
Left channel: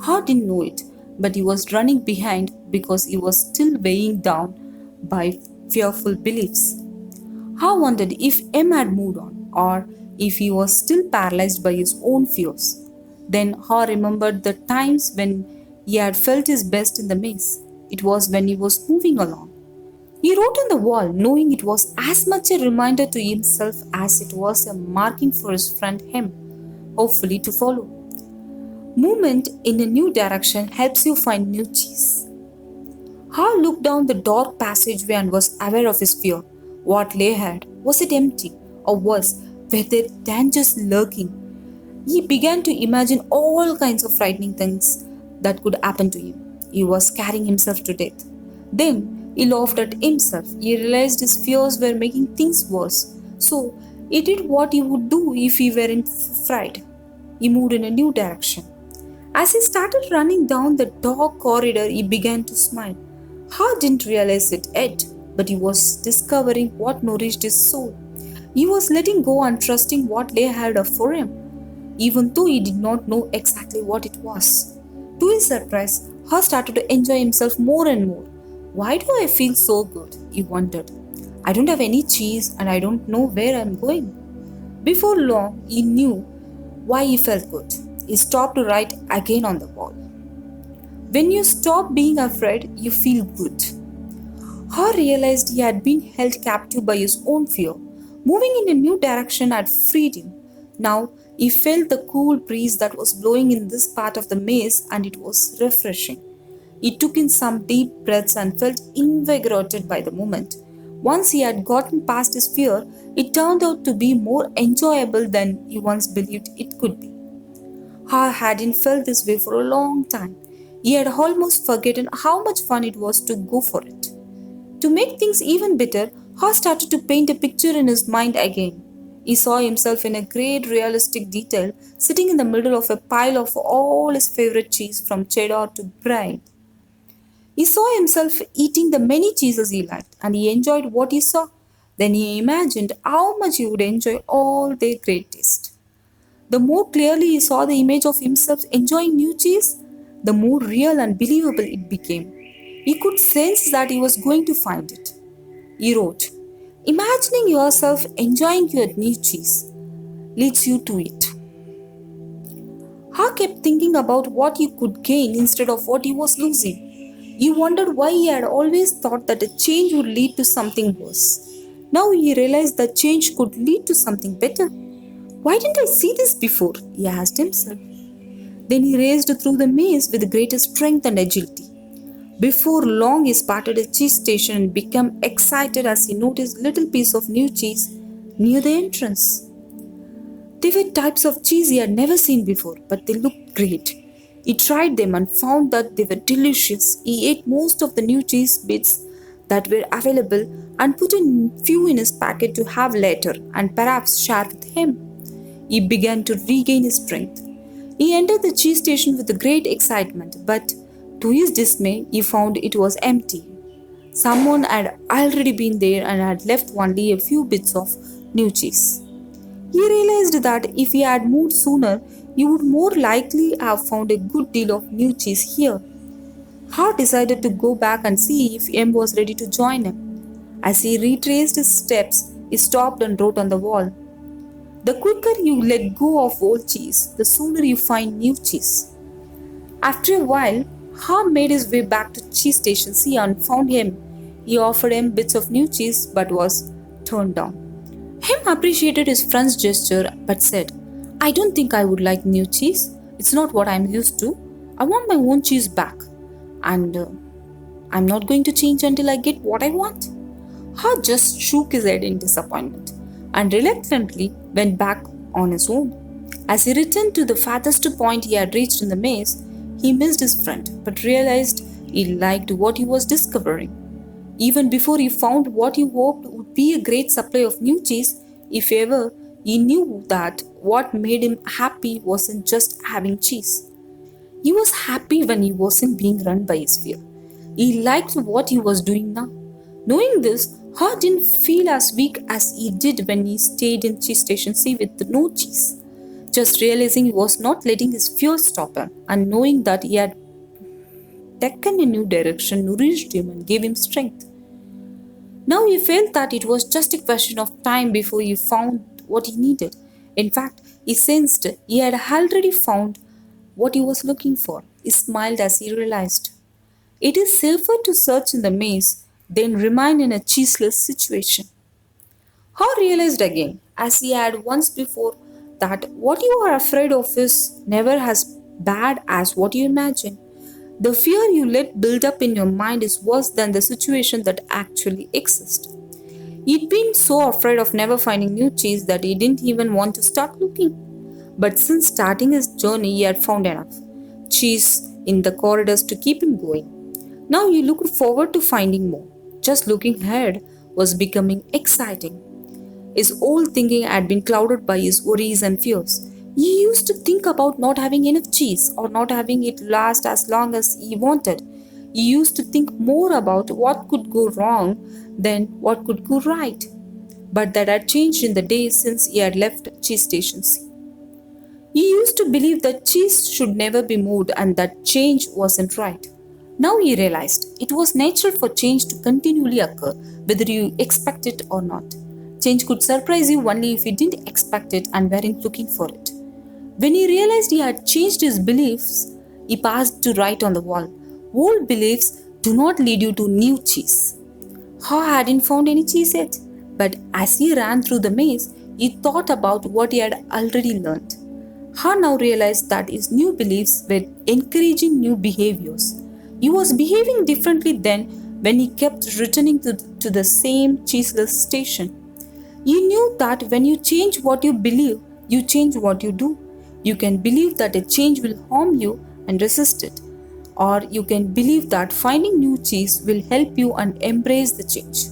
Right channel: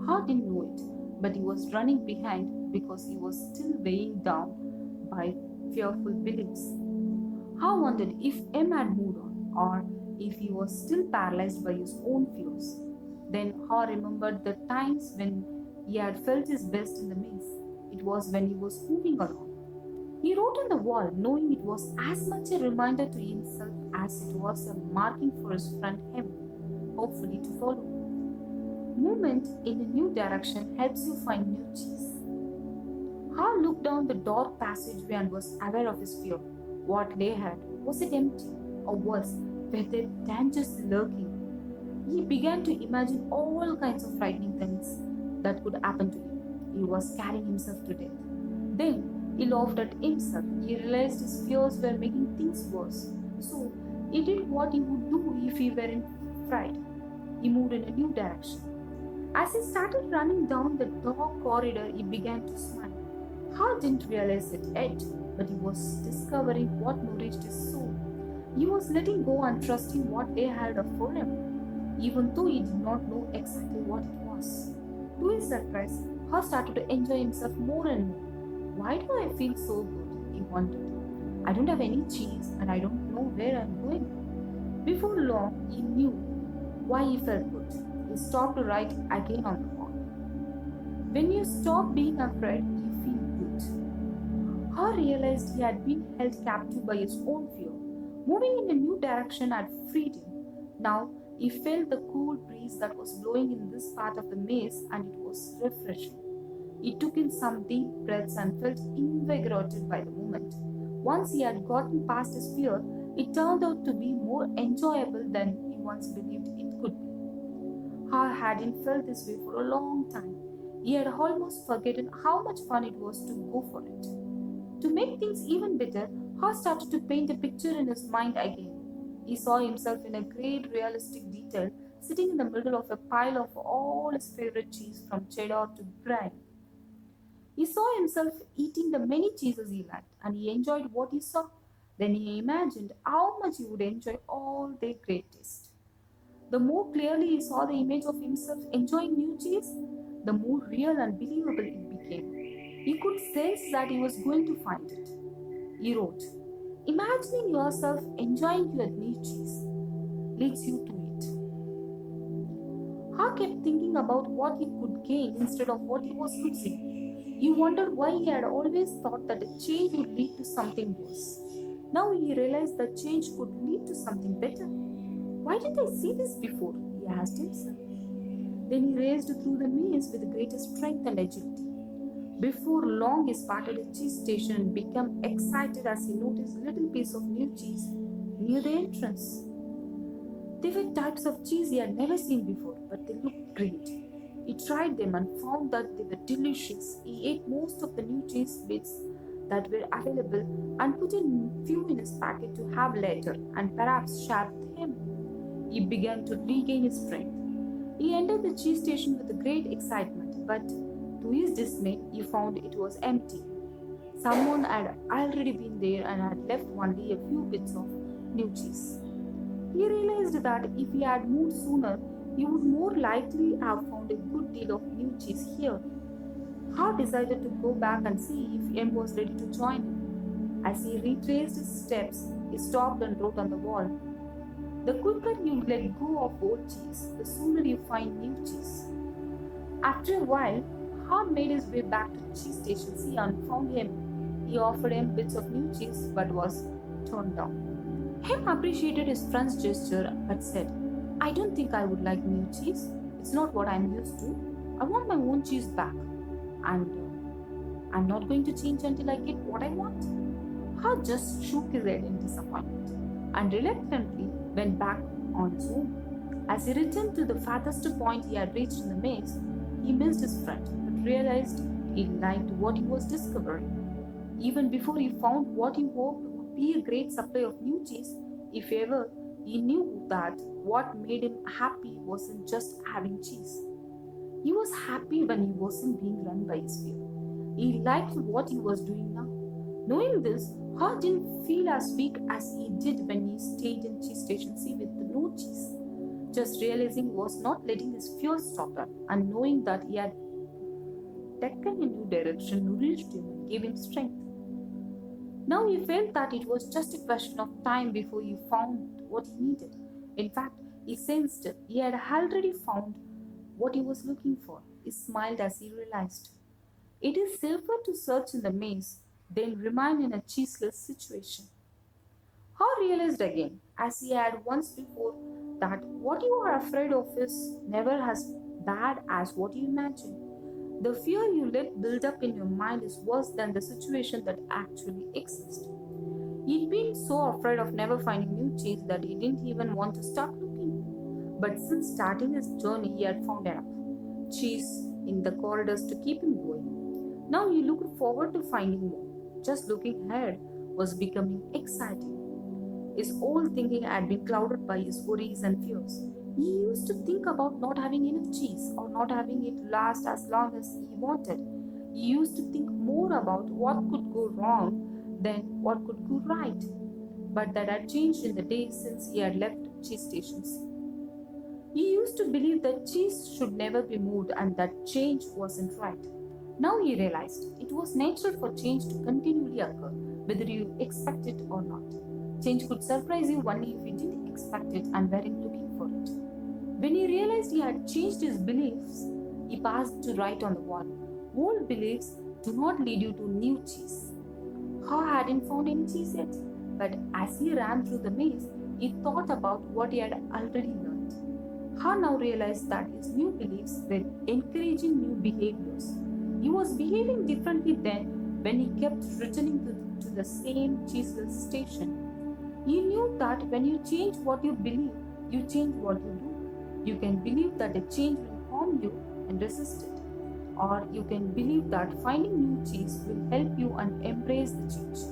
Hart didn't know it, but he was running behind because he was still weighing down by fearful beliefs. Hart wondered if M had moved on or if he was still paralyzed by his own fears. Then Hart remembered the times when he had felt his best in the maze. It was when he was moving along. He wrote on the wall, knowing it was as much a reminder to himself as it was a marking for his friend him, hopefully to follow. Movement in a new direction helps you find new cheese. Hal looked down the dark passageway and was aware of his fear. What lay ahead? Was it empty? Or worse, were there dangers lurking? He began to imagine all kinds of frightening things that could happen to him. He was scaring himself to death. Then he laughed at himself. He realized his fears were making things worse. So he did what he would do if he weren't frightened. He moved in a new direction. As he started running down the dark corridor, he began to smile. Hart didn't realize it yet, but he was discovering what nourished his soul. He was letting go and trusting what lay ahead for him, even though he did not know exactly what it was. To his surprise, Hart started to enjoy himself more and more. Why do I feel so good? He wondered. I don't have any cheese and I don't know where I'm going. Before long, he knew why he felt good. He stopped to write again on the wall. When you stop being afraid, you feel good. Hart realized he had been held captive by his own fear. Moving in a new direction had freed him. Now he felt the cool breeze that was blowing in this part of the maze, and it was refreshing. He took in some deep breaths and felt invigorated by the moment. Once he had gotten past his fear, it turned out to be more enjoyable than he once believed it could be. Ha hadn't felt this way for a long time. He had almost forgotten how much fun it was to go for it. To make things even better, Ha started to paint a picture in his mind again. He saw himself in a great realistic detail, sitting in the middle of a pile of all his favorite cheese from cheddar to brie. He saw himself eating the many cheeses he liked, and he enjoyed what he saw. Then he imagined how much he would enjoy all their great taste. The more clearly he saw the image of himself enjoying new cheese, the more real and believable it became. He could sense that he was going to find it. He wrote, imagining yourself enjoying your new cheese leads you to it. Ha kept thinking about what he could gain instead of what he was losing. He wondered why he had always thought that a change would lead to something worse. Now he realized that change could lead to something better. Why didn't I see this before? He asked himself. Then he raced through the maze with greater strength and agility. Before long, he spotted a cheese station and became excited as he noticed a little piece of new cheese near the entrance. They were types of cheese he had never seen before, but they looked great. He tried them and found that they were delicious. He ate most of the new cheese bits that were available and put a few in his packet to have later and perhaps share with him. He began to regain his strength. He entered the cheese station with great excitement, but to his dismay, he found it was empty. Someone had already been there and had left only a few bits of new cheese. He realized that if he had moved sooner, he would more likely have found a good deal of new cheese here. Hart decided to go back and see if M was ready to join him. As he retraced his steps, he stopped and wrote on the wall, the quicker you let go of old cheese, the sooner you find new cheese. After a while, Ham made his way back to cheese station C and found him. He offered him bits of new cheese but was turned down. Him appreciated his friend's gesture but said, I don't think I would like new cheese. It's not what I'm used to. I want my own cheese back. And I'm not going to change until I get what I want. Ha just shook his head in disappointment and reluctantly went back on his own. As he returned to the farthest point he had reached in the maze, he missed his friend but realized he liked what he was discovering. Even before he found what he hoped would be a great supply of new cheese, if ever He knew that what made him happy wasn't just having cheese. He was happy when he wasn't being run by his fear. He liked what he was doing now. Knowing this, Hart didn't feel as weak as he did when he stayed in cheese station C with no cheese. Just realizing he was not letting his fear stop him, and knowing that he had taken a new direction nourished him and gave him strength. Now he felt that it was just a question of time before he found what he needed. In fact, he sensed he had already found what he was looking for. He smiled as he realized. It is safer to search in the maze than remain in a cheeseless situation. Haw realized again, as he had once before, that what you are afraid of is never as bad as what you imagine. The fear you let build up in your mind is worse than the situation that actually exists. He'd been so afraid of never finding new cheese that he didn't even want to start looking. But since starting his journey, he had found enough cheese in the corridors to keep him going. Now he looked forward to finding more. Just looking ahead was becoming exciting. His whole thinking had been clouded by his worries and fears. He used to think about not having enough cheese or not having it last as long as he wanted. He used to think more about what could go wrong than what could go right. But that had changed in the days since he had left cheese station C. He used to believe that cheese should never be moved and that change wasn't right. Now he realized it was natural for change to continually occur, whether you expect it or not. Change could surprise you only if you didn't expect it and weren't looking for it. When he realized he had changed his beliefs, he passed to write on the wall. Old beliefs do not lead you to new cheese. Haw hadn't found any cheese yet, but as he ran through the maze, he thought about what he had already learned. Haw now realized that his new beliefs were encouraging new behaviors. He was behaving differently then when he kept returning to the same cheeseless station. You knew that when you change what you believe, you change what you do. You can believe that a change will harm you and resist it. Or you can believe that finding new cheese will help you and embrace the change.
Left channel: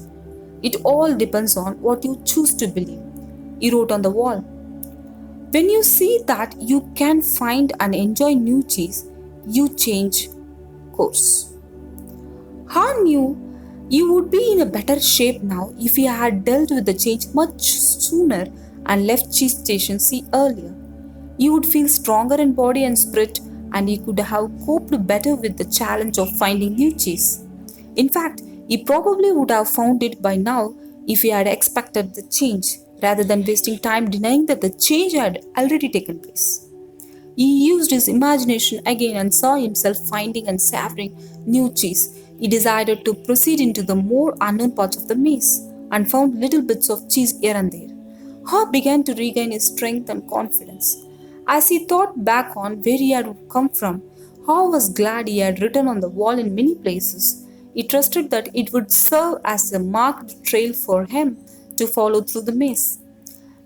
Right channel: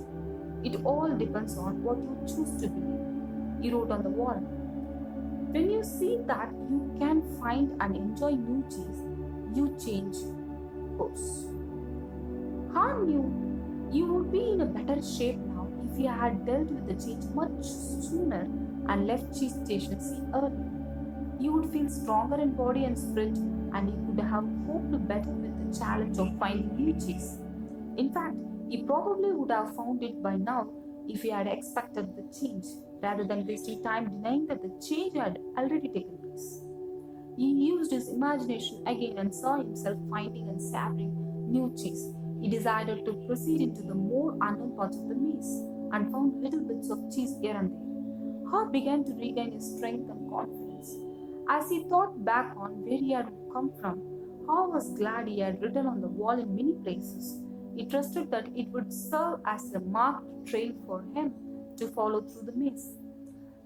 It all depends on what you choose to believe. He wrote on the wall. When you see that you can find and enjoy new cheese, you change course. Han knew he would be in a better shape now if he had dealt with the change much sooner and left cheese station C earlier. He would feel stronger in body and spirit, and he could have coped better with the challenge of finding new cheese. In fact, he probably would have found it by now if he had expected the change, rather than wasting time denying that the change had already taken place. He used his imagination again and saw himself finding and savoring new cheese. He decided to proceed into the more unknown parts of the maze and found little bits of cheese here and there. Haw began to regain his strength and confidence. As he thought back on where he had come from, Haw was glad he had written on the wall in many places. He trusted that it would serve as a marked trail for him to follow through the maze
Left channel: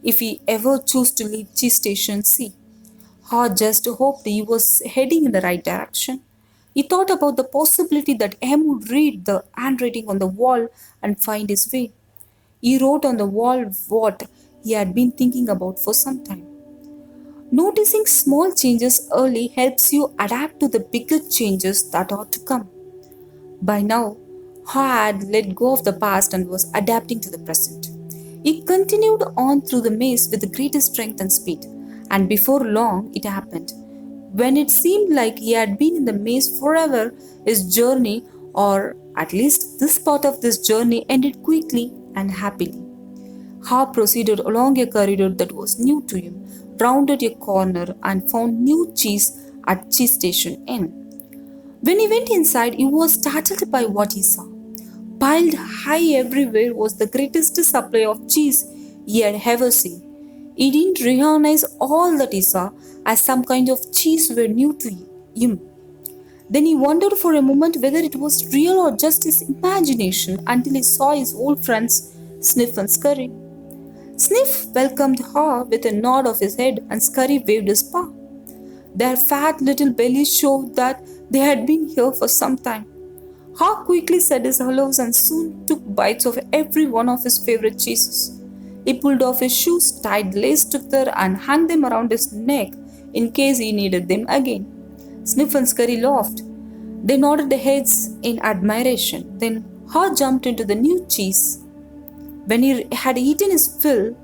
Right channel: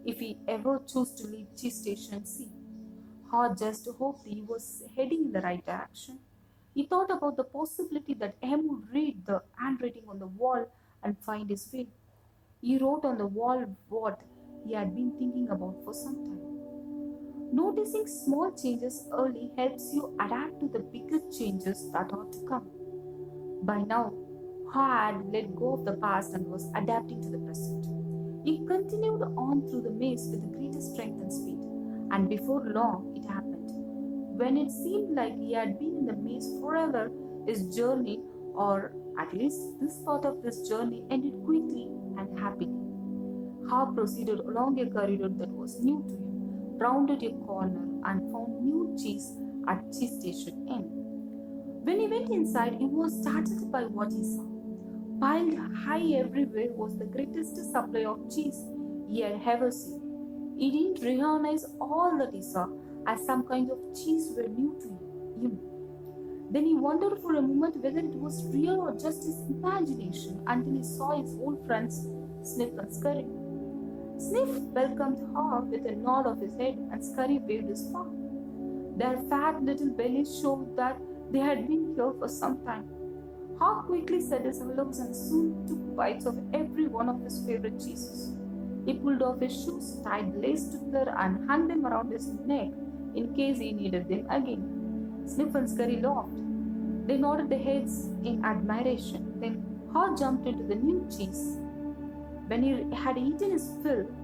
if he ever chose to leave cheese station C. Haw just hoped he was heading in the right direction. He thought about the possibility that M would read the handwriting on the wall and find his way. He wrote on the wall what he had been thinking about for some time. Noticing small changes early helps you adapt to the bigger changes that are to come. By now, Haw had let go of the past and was adapting to the present. He continued on through the maze with the greatest strength and speed, and before long it happened. When it seemed like he had been in the maze forever, his journey, or at least this part of this journey, ended quickly and happily. Haw proceeded along a corridor that was new to him, rounded a corner, and found new cheese at cheese station N. When he went inside, he was startled by what he saw. Piled high everywhere was the greatest supply of cheese he had ever seen. He didn't recognize all that he saw, as some kind of cheese were new to him. Then he wondered for a moment whether it was real or just his imagination until he saw his old friends Sniff and Scurry. Sniff welcomed Haw with a nod of his head and Scurry waved his paw. Their fat little bellies showed that they had been here for some time. Haw quickly said his hellos and soon took bites of every one of his favorite cheeses. He pulled off his shoes, tied the lace together, and hung them around his neck in case he needed them again. Sniff and Scurry laughed. They nodded their heads in admiration. Then Ha jumped into the new cheese. When he had eaten his fill,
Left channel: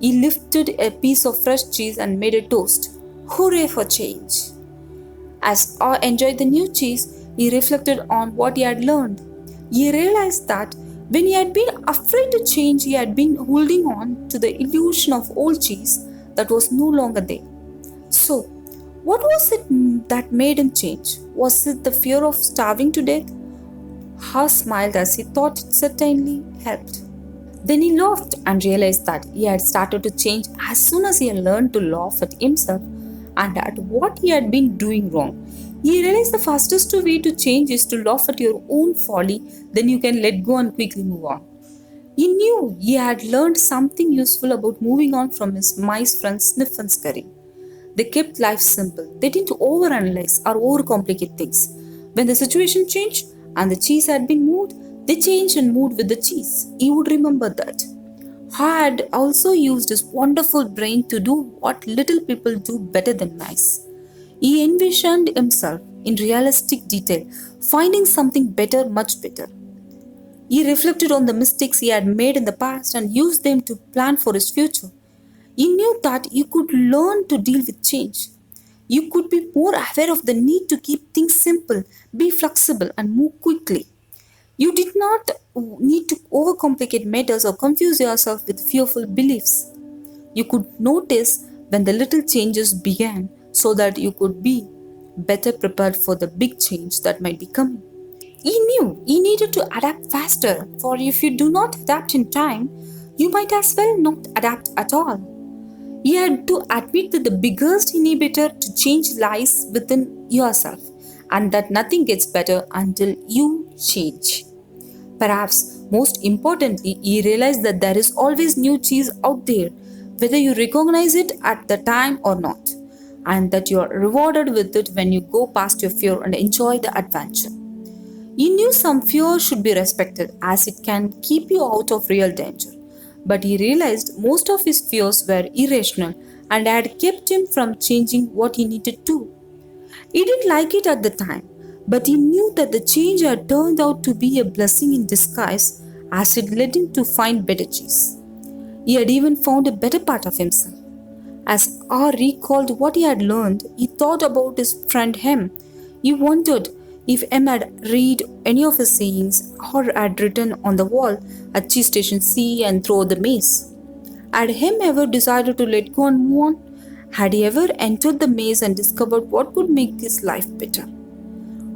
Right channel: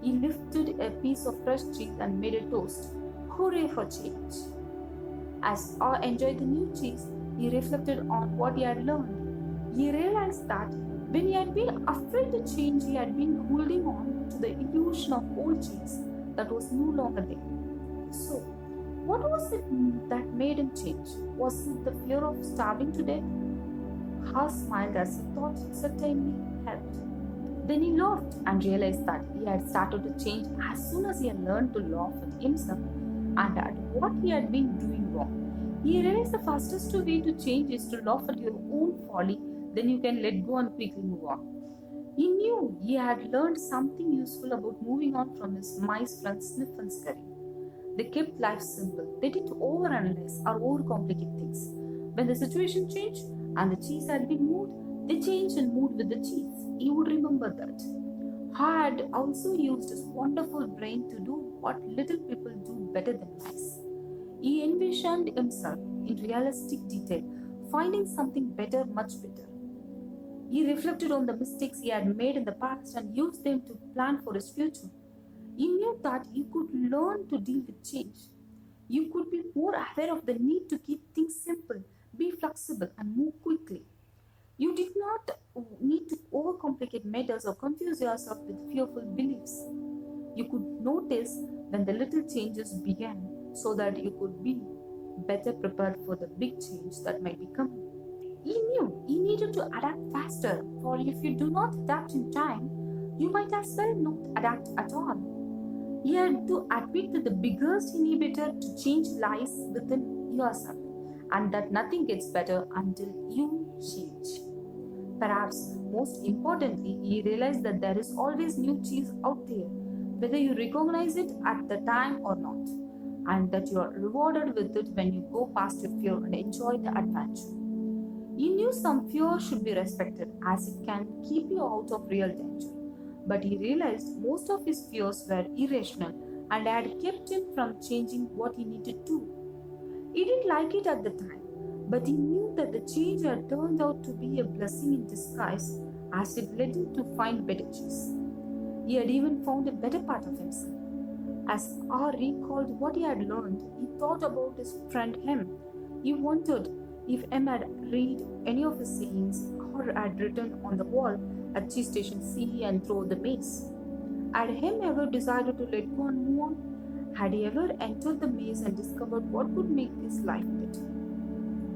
he lifted a piece of fresh cheese and made a toast. Hooray for change! As Ha enjoyed the new cheese, he reflected on what he had learned. He realized that when he had been afraid to change, he had been holding on to the illusion of old cheese that was no longer there. So, what was it that made him change? Was it the fear of starving to death? Ha smiled as he thought it certainly helped. Then he laughed and realized that he had started to change as soon as he had learned to laugh at himself and at what he had been doing wrong. He realized the fastest way to change is to laugh at your own folly, then you can let go and quickly move on. He knew he had learned something useful about moving on from his mice friends Sniff and Scurry. They kept life simple. They didn't overanalyze or overcomplicate things. When the situation changed and the cheese had been moved, they changed and moved with the cheese. He would remember that. Ha had also used his wonderful brain to do what little people do better than mice. He envisioned himself in realistic detail, finding something better, much better. He reflected on the mistakes he had made in the past and used them to plan for his future. He knew that you could learn to deal with change. You could be more aware of the need to keep things simple, be flexible, and move quickly. You did not need to overcomplicate matters or confuse yourself with fearful beliefs. You could notice when the little changes began so that you could be better prepared for the big change that might be coming. He knew he needed to adapt faster, for if you do not adapt in time, you might as well not adapt at all. He had to admit that the biggest inhibitor to change lies within yourself and that nothing gets better until you change. Perhaps most importantly, he realized that there is always new cheese out there, whether you recognize it at the time or not, and that you are rewarded with it when you go past your fear and enjoy the adventure. He knew some fear should be respected as it can keep you out of real danger. But he realized most of his fears were irrational and had kept him from changing what he needed to. He didn't like it at the time, but he knew that the change had turned out to be a blessing in disguise as it led him to find better cheese. He had even found a better part of himself. As R recalled what he had learned, he thought about his friend Hem. He wondered if M had read any of his sayings or had written on the wall at Cheese Station C and throughout the maze. Had Hem ever decided to let go and move on? Had he ever entered the maze and discovered what would make his life better?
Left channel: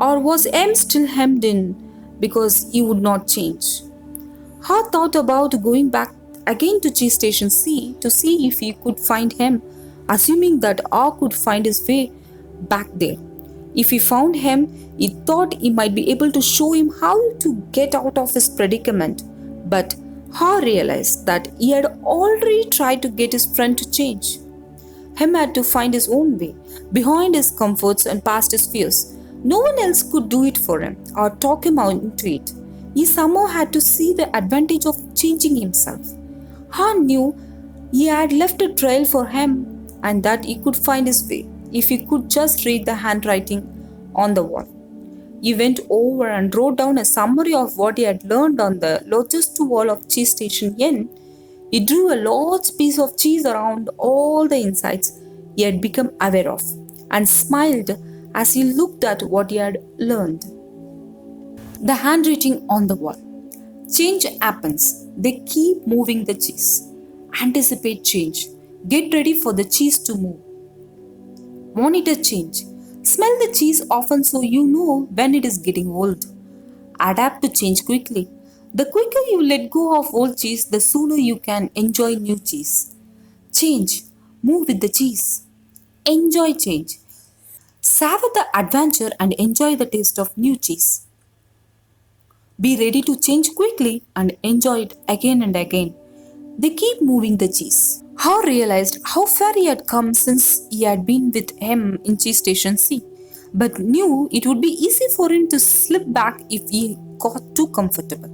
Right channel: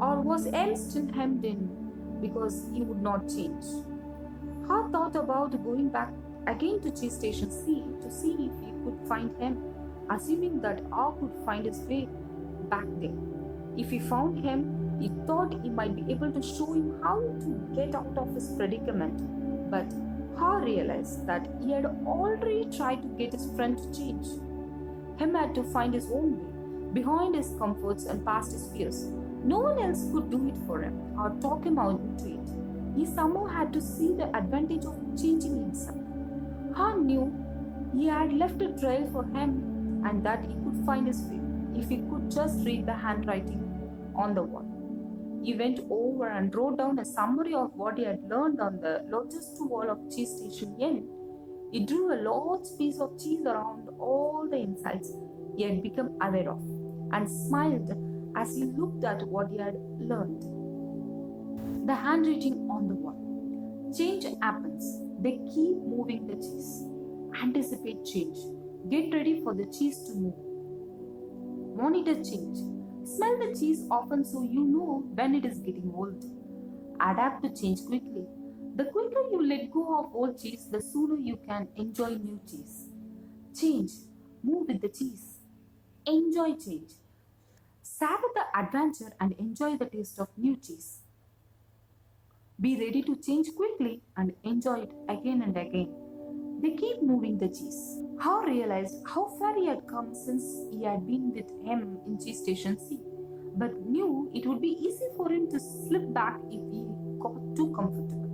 Or was M still hemmed in because he would not change? Ha thought about going back again to Cheese Station C to see if he could find him, assuming that R could find his way back there. If he found him, he thought he might be able to show him how to get out of his predicament. But Ha realized that he had already tried to get his friend to change. Hem had to find his own way, behind his comforts and past his fears. No one else could do it for him or talk him out into it. He somehow had to see the advantage of changing himself. Ha knew he had left a trail for him and that he could find his way if he could just read the handwriting on the wall. He went over and wrote down a summary of what he had learned on the largest wall of Cheese Station N. He drew a large piece of cheese around all the insights he had become aware of and smiled as he looked at what he had learned. The handwriting on the wall. Change happens. They keep moving the cheese. Anticipate change. Get ready for the cheese to move. Monitor change. Smell the cheese often so you know when it is getting old. Adapt to change quickly. The quicker you let go of old cheese, the sooner you can enjoy new cheese. Change. Move with the cheese. Enjoy change. Savor the adventure and enjoy the taste of new cheese. Be ready to change quickly and enjoy it again and again. They keep moving the cheese. Ha realized how far he had come since he had been with him in Cheese Station C, but knew it would be easy for him to slip back if he got too comfortable.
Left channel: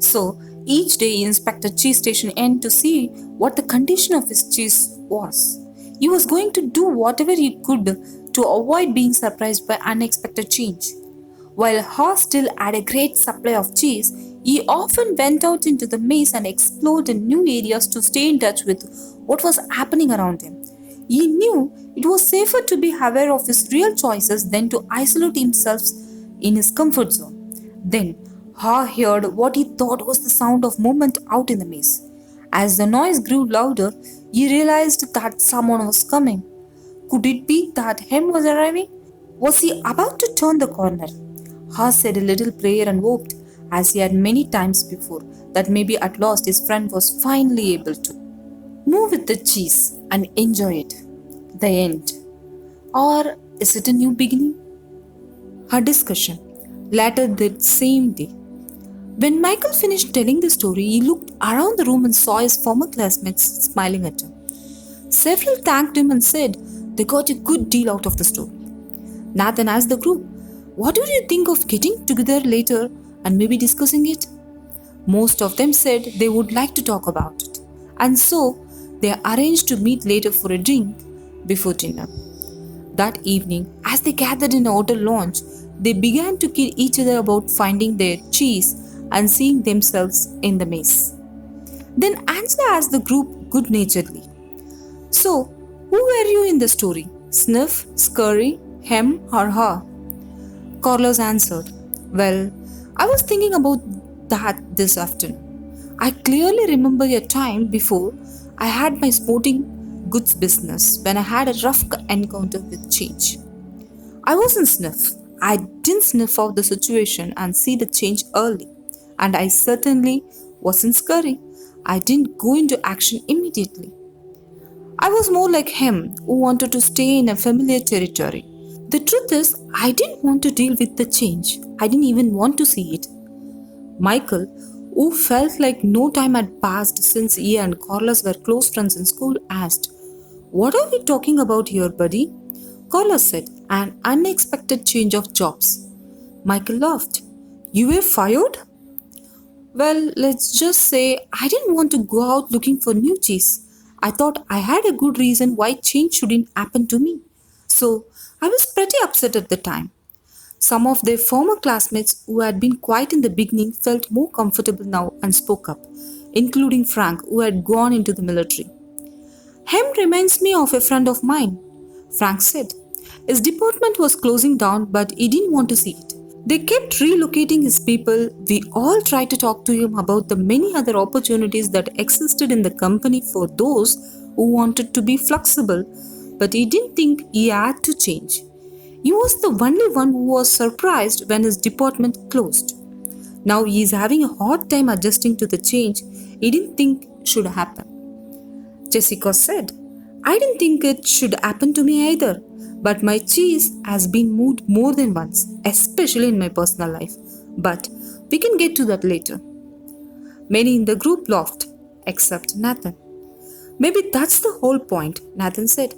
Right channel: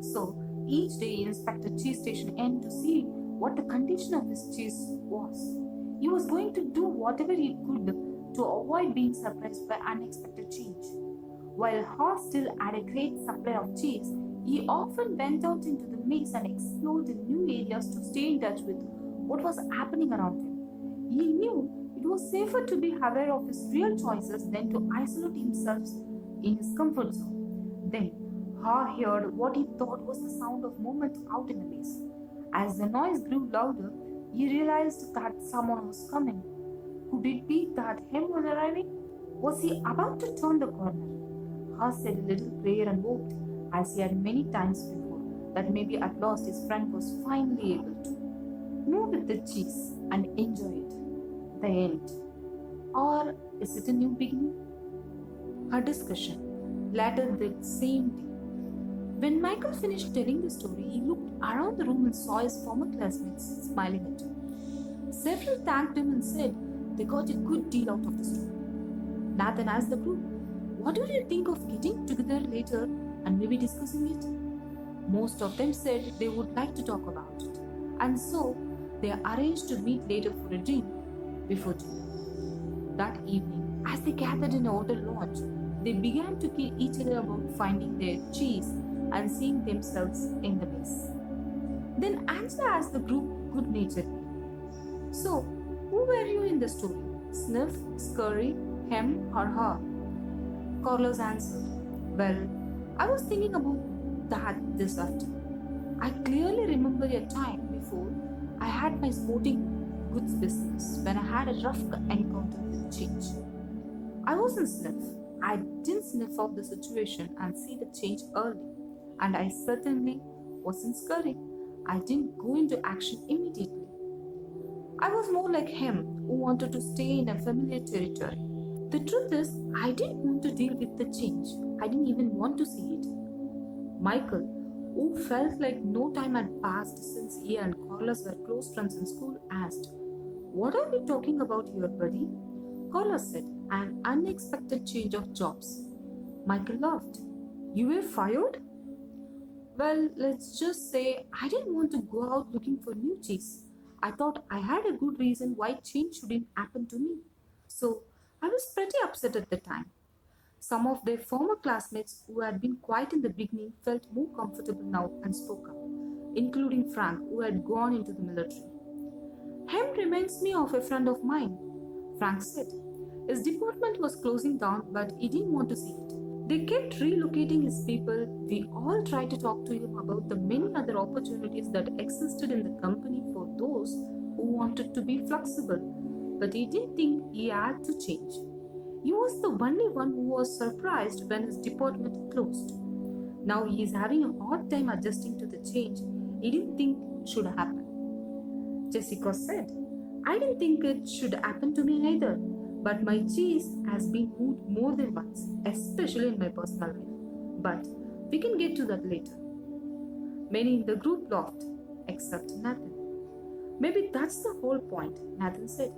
So each day he inspected Cheese Station N to see what the condition of his cheese was. He was going to do whatever he could to avoid being surprised by unexpected change. While Haw still had a great supply of cheese, he often went out into the maze and explored in new areas to stay in touch with what was happening around him. He knew it was safer to be aware of his real choices than to isolate himself in his comfort zone. Then, Ha heard what he thought was the sound of movement out in the maze. As the noise grew louder, he realized that someone was coming. Could it be that Hem was arriving? Was he about to turn the corner? Ha said a little prayer and hoped, as he had many times before, that maybe at last his friend was finally able to move with the cheese and enjoy it. The end. Or is it a new beginning? Her discussion. Later that same day. When Michael finished telling the story, he looked around the room and saw his former classmates smiling at him. Several thanked him and said they got a good deal out of the story. Nathan asked the group, "What do you think of getting together later and maybe discussing it?" Most of them said they would like to talk about it, and so they arranged to meet later for a drink before dinner. That evening, as they gathered in a hotel lounge, they began to kid each other about finding their cheese and seeing themselves in the maze. Then Angela asked the group good-naturedly, "So, who were you in the story? Sniff, Scurry, Hem, or Ha?" Carlos answered, "Well, I was thinking about that this afternoon. I clearly remember a time before I had my sporting goods business when I had a rough encounter with change. I wasn't Sniff. I didn't sniff out the situation and see the change early. And I certainly wasn't Scurry. I didn't go into action immediately. I was more like him, who wanted to stay in a familiar territory. The truth is, I didn't want to deal with the change. I didn't even want to see it." Michael, who felt like no time had passed since he and Carlos were close friends in school, asked, "What are we talking about here, buddy?" Carlos said, "An unexpected change of jobs." Michael laughed. "You were fired?" "Well, let's just say I didn't want to go out looking for new cheese. I thought I had a good reason why change shouldn't happen to me. So I was pretty upset at the time." Some of their former classmates who had been quiet in the beginning felt more comfortable now and spoke up, including Frank, who had gone into the military. "Hem reminds me of a friend of mine," Frank said. "His department was closing down, but he didn't want to see it. They kept relocating his people. We all tried to talk to him about the many other opportunities that existed in the company for those who wanted to be flexible, but he didn't think he had to change. He was the only one who was surprised when his department closed. Now he is having a hard time adjusting to the change he didn't think should happen." Jessica said, "I didn't think it should happen to me either, but my cheese has been moved more than once, especially in my personal life. But we can get to that later." Many in the group laughed, except Nathan. "Maybe that's the whole point," Nathan said.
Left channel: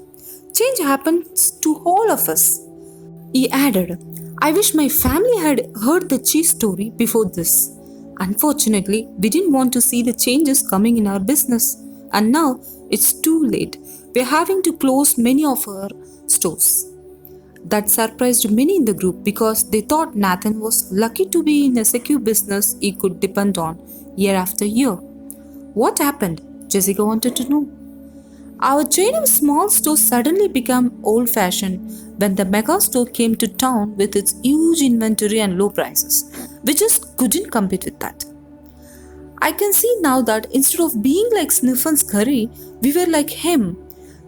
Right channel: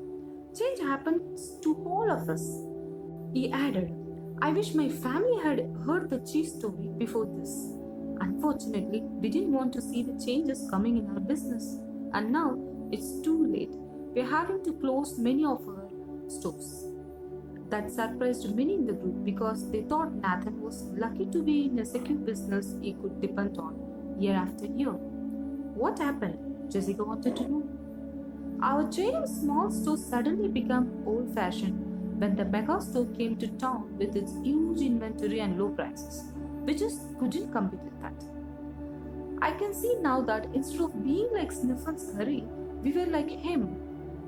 "Change happens to all of us." He added, "I wish my family had heard the cheese story before this. Unfortunately, we didn't want to see the changes coming in our business, and now it's too late. We're having to close many of our stores." That surprised many in the group because they thought Nathan was lucky to be in a secure business he could depend on year after year. "What happened?" Jessica wanted to know. "Our chain of small stores suddenly became old-fashioned when the mega store came to town with its huge inventory and low prices. We just couldn't compete with that. I can see now that instead of being like Sniff and Scurry, we were like him.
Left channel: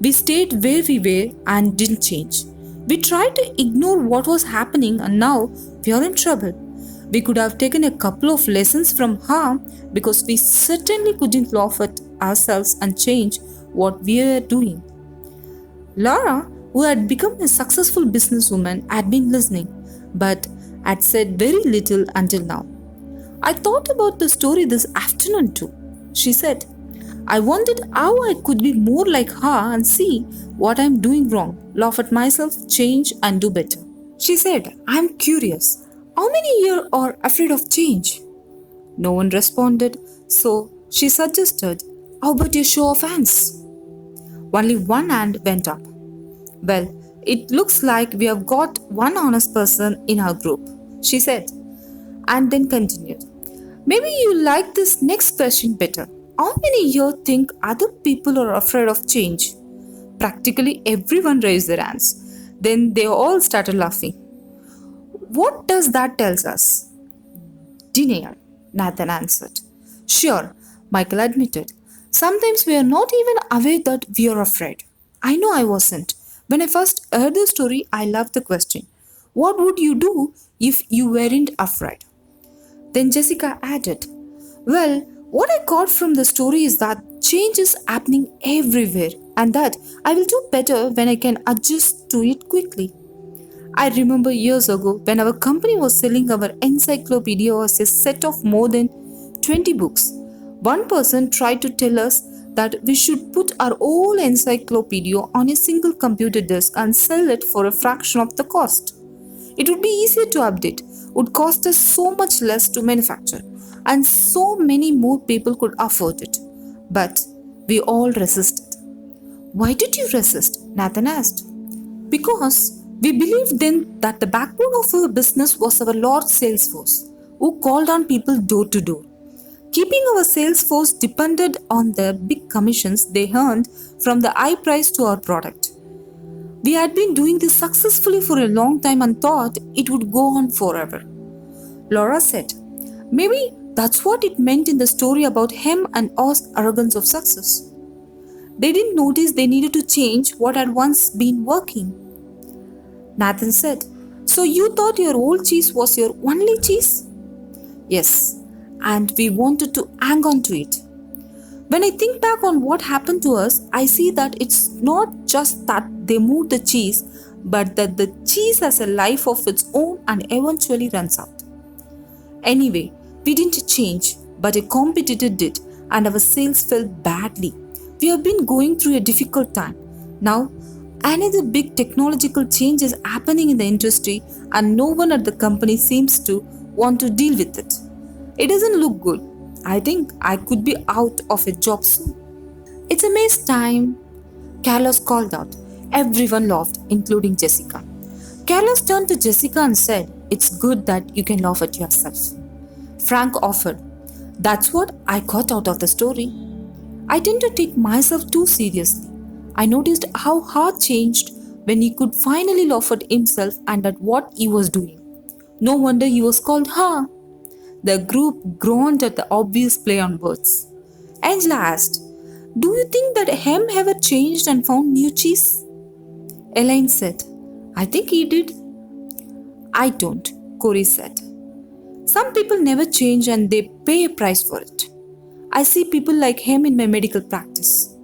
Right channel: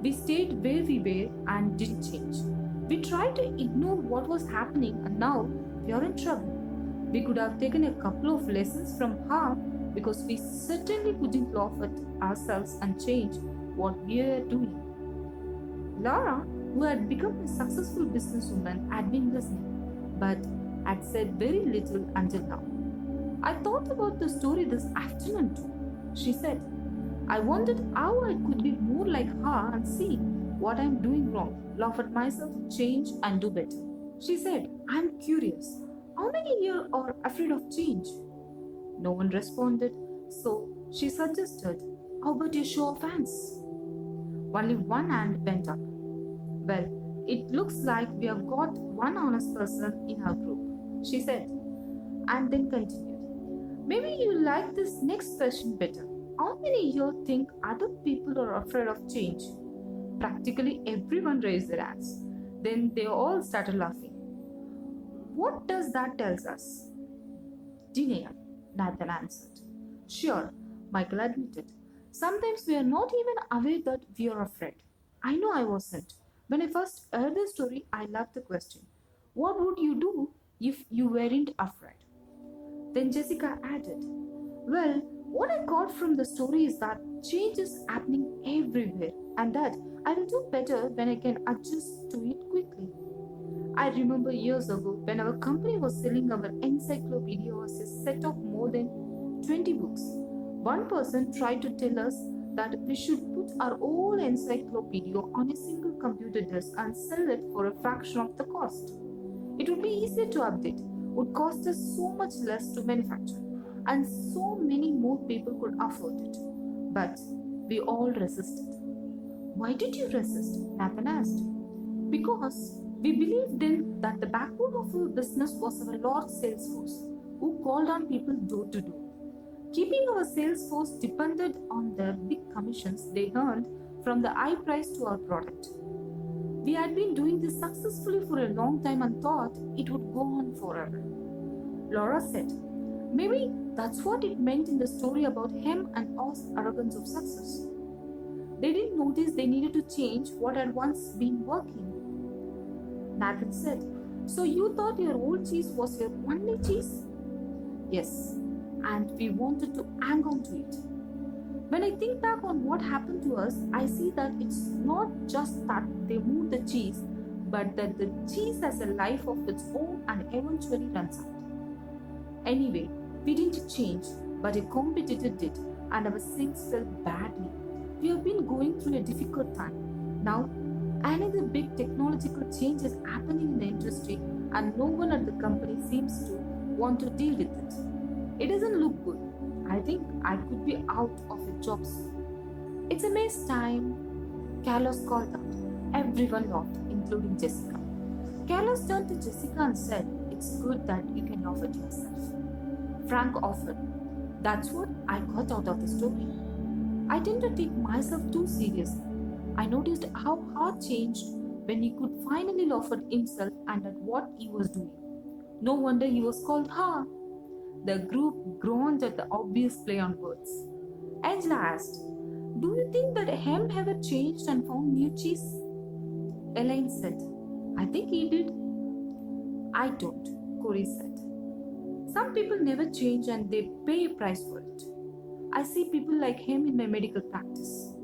We stayed where we were and didn't change. We tried to ignore what was happening and now we are in trouble. We could have taken a couple of lessons from her because we certainly couldn't laugh at ourselves and change what we were doing." Laura, who had become a successful businesswoman, had been listening, but had said very little until now. "I thought about the story this afternoon too," she said. "I wondered how I could be more like her and see what I'm doing wrong, laugh at myself, change, and do better." She said, "I'm curious. How many here are afraid of change?" No one responded, so she suggested, How about your show of hands? Only one hand went up. Well, it looks like we have got one honest person in our group, she said, and then continued. Maybe you like this next question better. How many here think other people are afraid of change? Practically everyone raised their hands. Then they all started laughing. What does that tell us? Denial, Nathan answered. Sure, Michael admitted. Sometimes we are not even aware that we are afraid. I know I wasn't. When I first heard the story, I loved the question. What would you do if you weren't afraid? Then Jessica added, well, what I got from the story is that change is happening everywhere and that I will do better when I can adjust to it quickly. I remember years ago when our company was selling our encyclopedia as a set of more than 20 books. One person tried to tell us that we should put our whole encyclopedia on a single computer disk and sell it for a fraction of the cost. It would be easier to update, would cost us so much less to manufacture, and so many more people could afford it. But we all resisted. Why did you resist? Nathan asked. Because we believed then that the backbone of our business was our large sales force, who called on people door to door. Keeping our sales force depended on the big commissions they earned from the high price to our product. We had been doing this successfully for a long time and thought it would go on forever. Laura said, maybe that's what it meant in the story about him and Oz's arrogance of success. They didn't notice they needed to change what had once been working. Nathan said, so you thought your old cheese was your only cheese? Yes, and we wanted to hang on to it. When I think back on what happened to us, I see that it's not just that they moved the cheese, but that the cheese has a life of its own and eventually runs out. Anyway, we didn't change, but a competitor did, and our sales fell badly. We have been going through a difficult time. Now, another big technological change is happening in the industry, and no one at the company seems to want to deal with it. It doesn't look good. I think I could be out of a job soon. It's a mess time, Carlos called out. Everyone laughed, including Jessica. Carlos turned to Jessica and said, it's good that you can laugh at yourself. Frank offered, that's what I got out of the story. I tend to take myself too seriously. I noticed how heart changed when he could finally laugh at himself and at what he was doing. No wonder he was called Ha. The group groaned at the obvious play on words. Angela asked, do you think that Hem ever changed and found new cheese? Elaine said, I think he did. I don't, Corey said. Some people never change and they pay a price for it. I see people like him in my medical practice.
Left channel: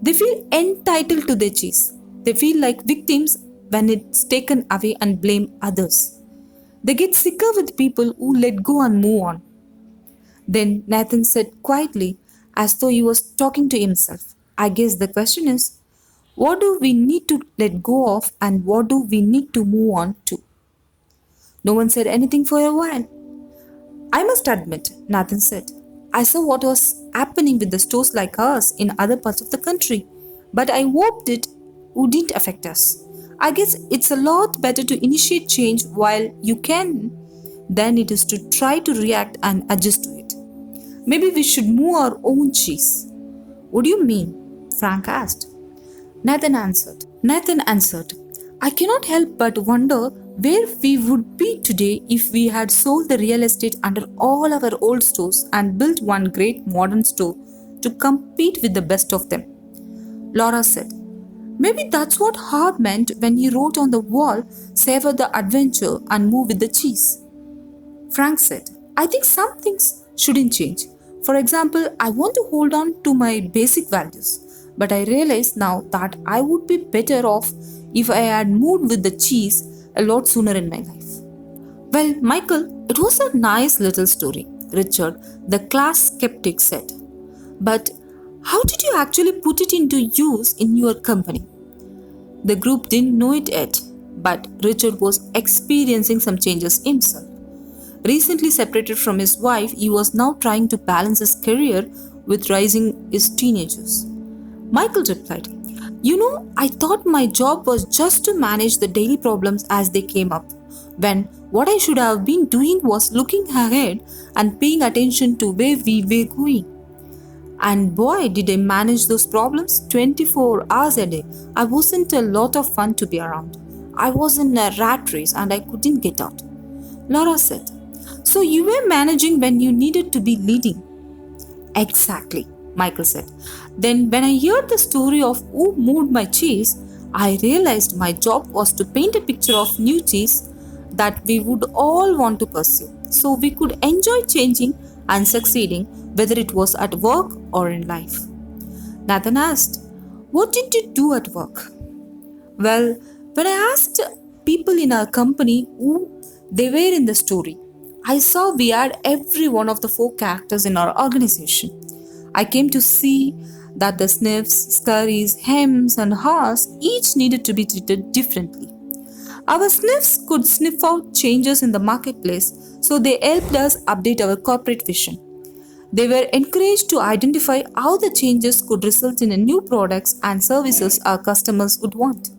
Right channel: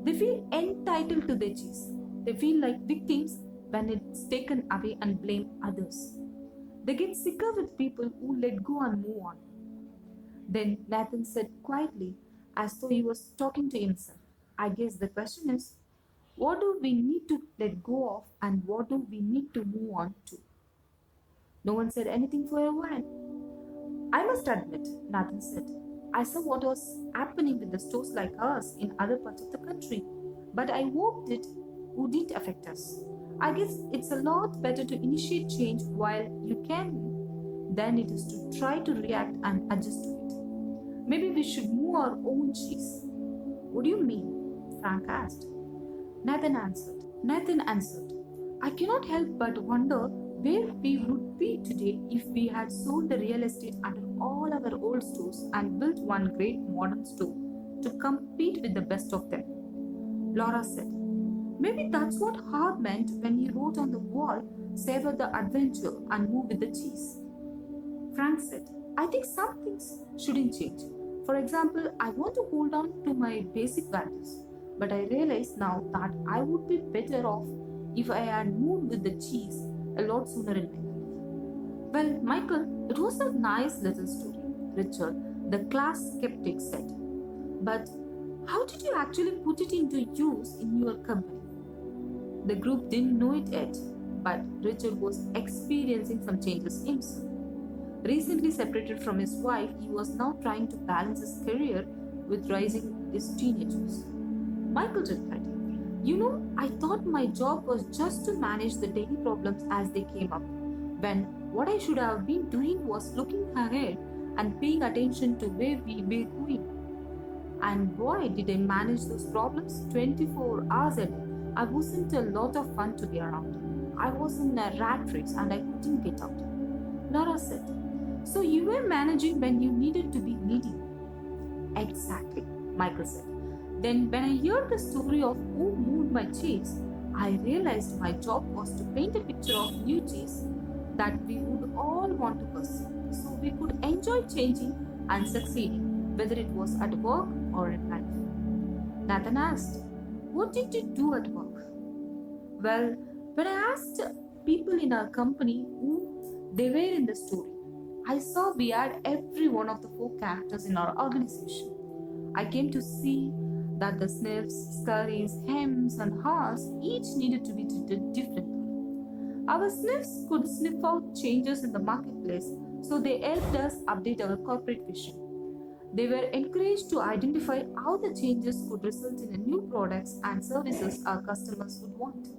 They feel entitled to their cheese. They feel like victims when it's taken away and blame others. They get sicker with people who let go and move on. Then Nathan said quietly, as though he was talking to himself, I guess the question is, what do we need to let go of and what do we need to move on to? No one said anything for a while. I must admit, Nathan said, I saw what was happening with the stores like ours in other parts of the country, but I hoped it wouldn't affect us. I guess it's a lot better to initiate change while you can than it is to try to react and adjust to it. Maybe we should move our own cheese. What do you mean? Frank asked. Nathan answered, I cannot help but wonder where we would be today if we had sold the real estate under all our old stores and built one great modern store to compete with the best of them. Laura said, maybe that's what Hart meant when he wrote on the wall, savor the adventure and move with the cheese. Frank said, I think some things shouldn't change. For example, I want to hold on to my basic values, but I realize now that I would be better off if I had moved with the cheese a lot sooner in my life. Well, Michael, it was a nice little story, Richard, the class skeptic said. But how did you actually put it into use in your company? The group didn't know it yet, but Richard was experiencing some changes himself. Recently separated from his wife, he was now trying to balance his career with raising his teenagers. Michael replied, I thought my job was just to manage the daily problems as they came up, when what I should have been doing was looking ahead and paying attention to where we were going. And boy, did I manage those problems 24 hours a day. I wasn't a lot of fun to be around. I was in a rat race and I couldn't get out. Laura said, "So you were managing when you needed to be leading." "Exactly," Michael said. "Then, when I heard the story of who moved my cheese, I realized my job was to paint a picture of new cheese that we would all want to pursue, so we could enjoy changing and succeeding, whether it was at work or in life." Nathan asked, "What did you do at work?" "Well, when I asked people in our company who they were in the story, I saw we had every one of the four characters in our organization. I came to see that the sniffs, scurries, hems, and haws each needed to be treated differently. Our sniffs could sniff out changes in the marketplace, so they helped us update our corporate vision. They were encouraged to identify how the changes could result in new products and services our customers would want.